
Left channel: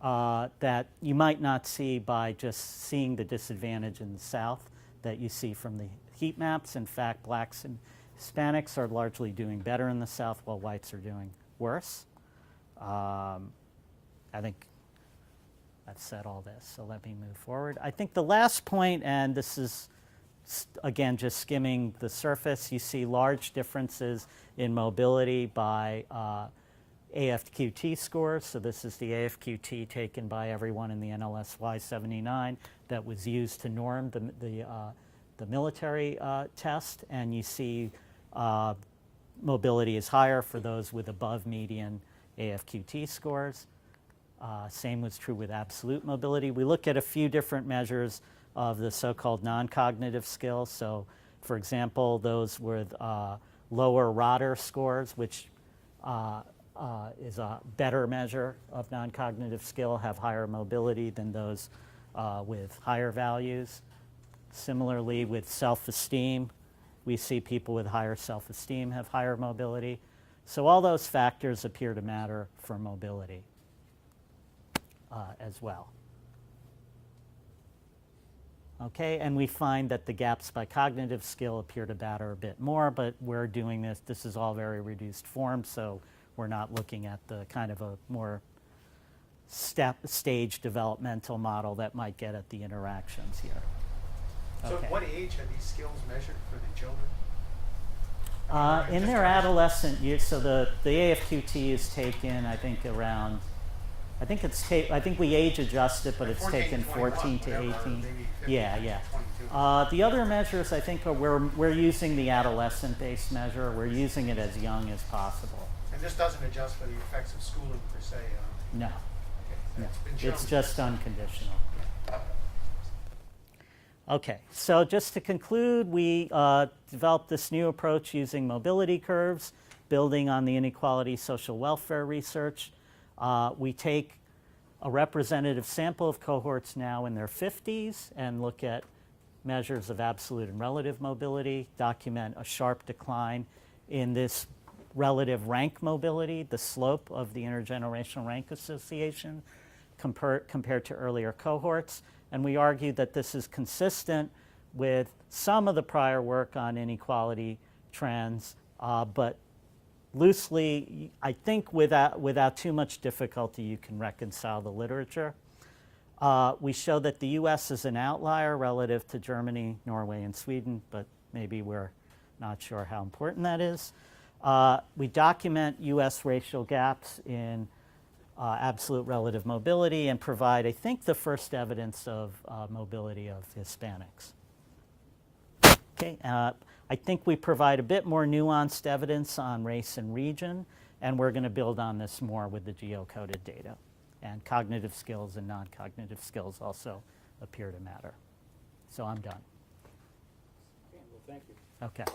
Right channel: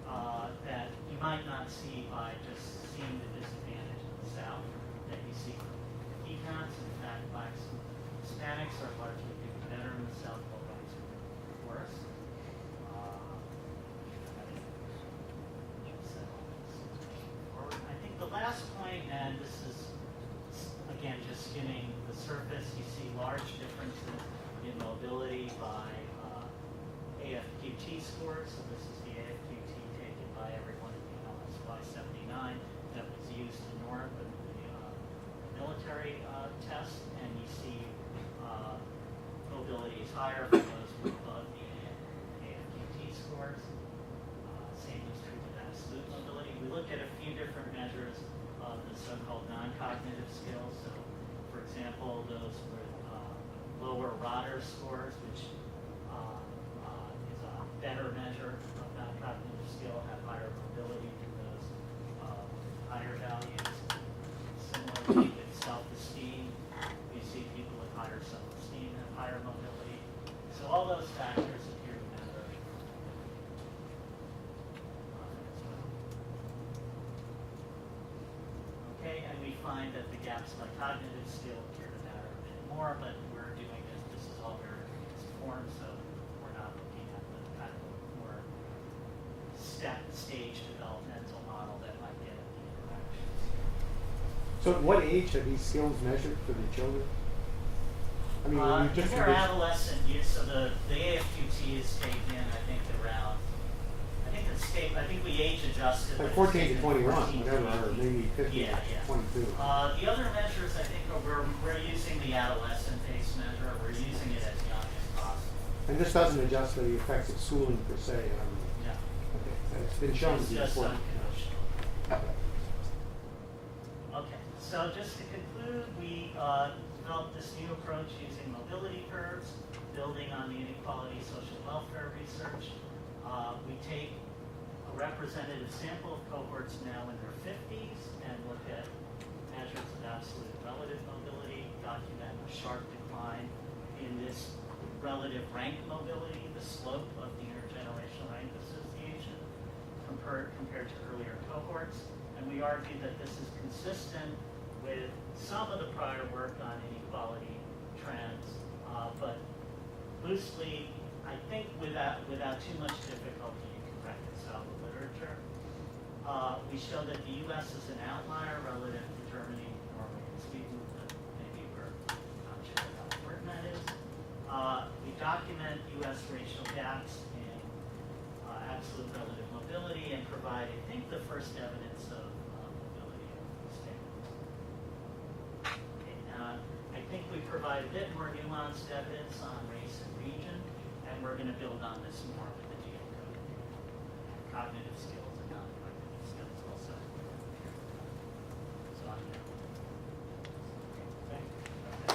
that you might not see by just seeing the disadvantage in the South that you see from the heat maps. In fact, blacks and Hispanics are largely doing better in the South while whites are doing worse. I think I've said all this, so let me move forward. I think the last point, and this is again just skimming the surface, you see large differences in mobility by AFQT scores. So this is the AFQT taken by everyone in the NLSY 79 that was used to norm the military test, and you see mobility is higher for those with above median AFQT scores. Same was true with absolute mobility. We look at a few different measures of the so-called non-cognitive skills. So, for example, those with lower Rotter scores, which is a better measure of non-cognitive skill, have higher mobility than those with higher values. Similarly, with self-esteem, we see people with higher self-esteem have higher mobility. So all those factors appear to matter for mobility as well. Okay, and we find that the gaps by cognitive skill appear to matter a bit more, but we're doing this, this is all very reduced form, so we're not looking at the kind of a more stage developmental model that might get at the interactions here. So at what age are these skills measured for the children? I mean, In just their curious. adolescent years, so the AFQT is taken, I think, around, I think we age adjust it, but Like it's 14 to taken 21, 14 to whatever, or 18. maybe 15 Yeah, to yeah. 22. The other measures, I think, are we're using the adolescent-based measure. We're using it as young as possible. And this doesn't adjust for the effects of schooling per se. No, Okay. And it's been shown it's to just be important. unconditional. Okay, so just to conclude, we developed this new approach using mobility curves, building on the inequality social welfare research. We take a representative sample of cohorts now in their 50s and look at measures of absolute and relative mobility, document a sharp decline in this relative rank mobility, the slope of the Intergenerational Rank Association compared to earlier cohorts. And we argue that this is consistent with some of the prior work on inequality trends, but loosely, I think without too much difficulty, you can reconcile the literature. We show that the US is an outlier relative to Germany, Norway, and Sweden, but maybe we're not sure how important that is. We document US racial gaps in absolute relative mobility and provide, I think, the first evidence of mobility of Hispanics. Okay, I think we provide a bit more nuanced evidence on race and region, and we're going to build on this more with the geocoded data. And cognitive skills and non-cognitive skills also appear to matter. So I'm done. Okay.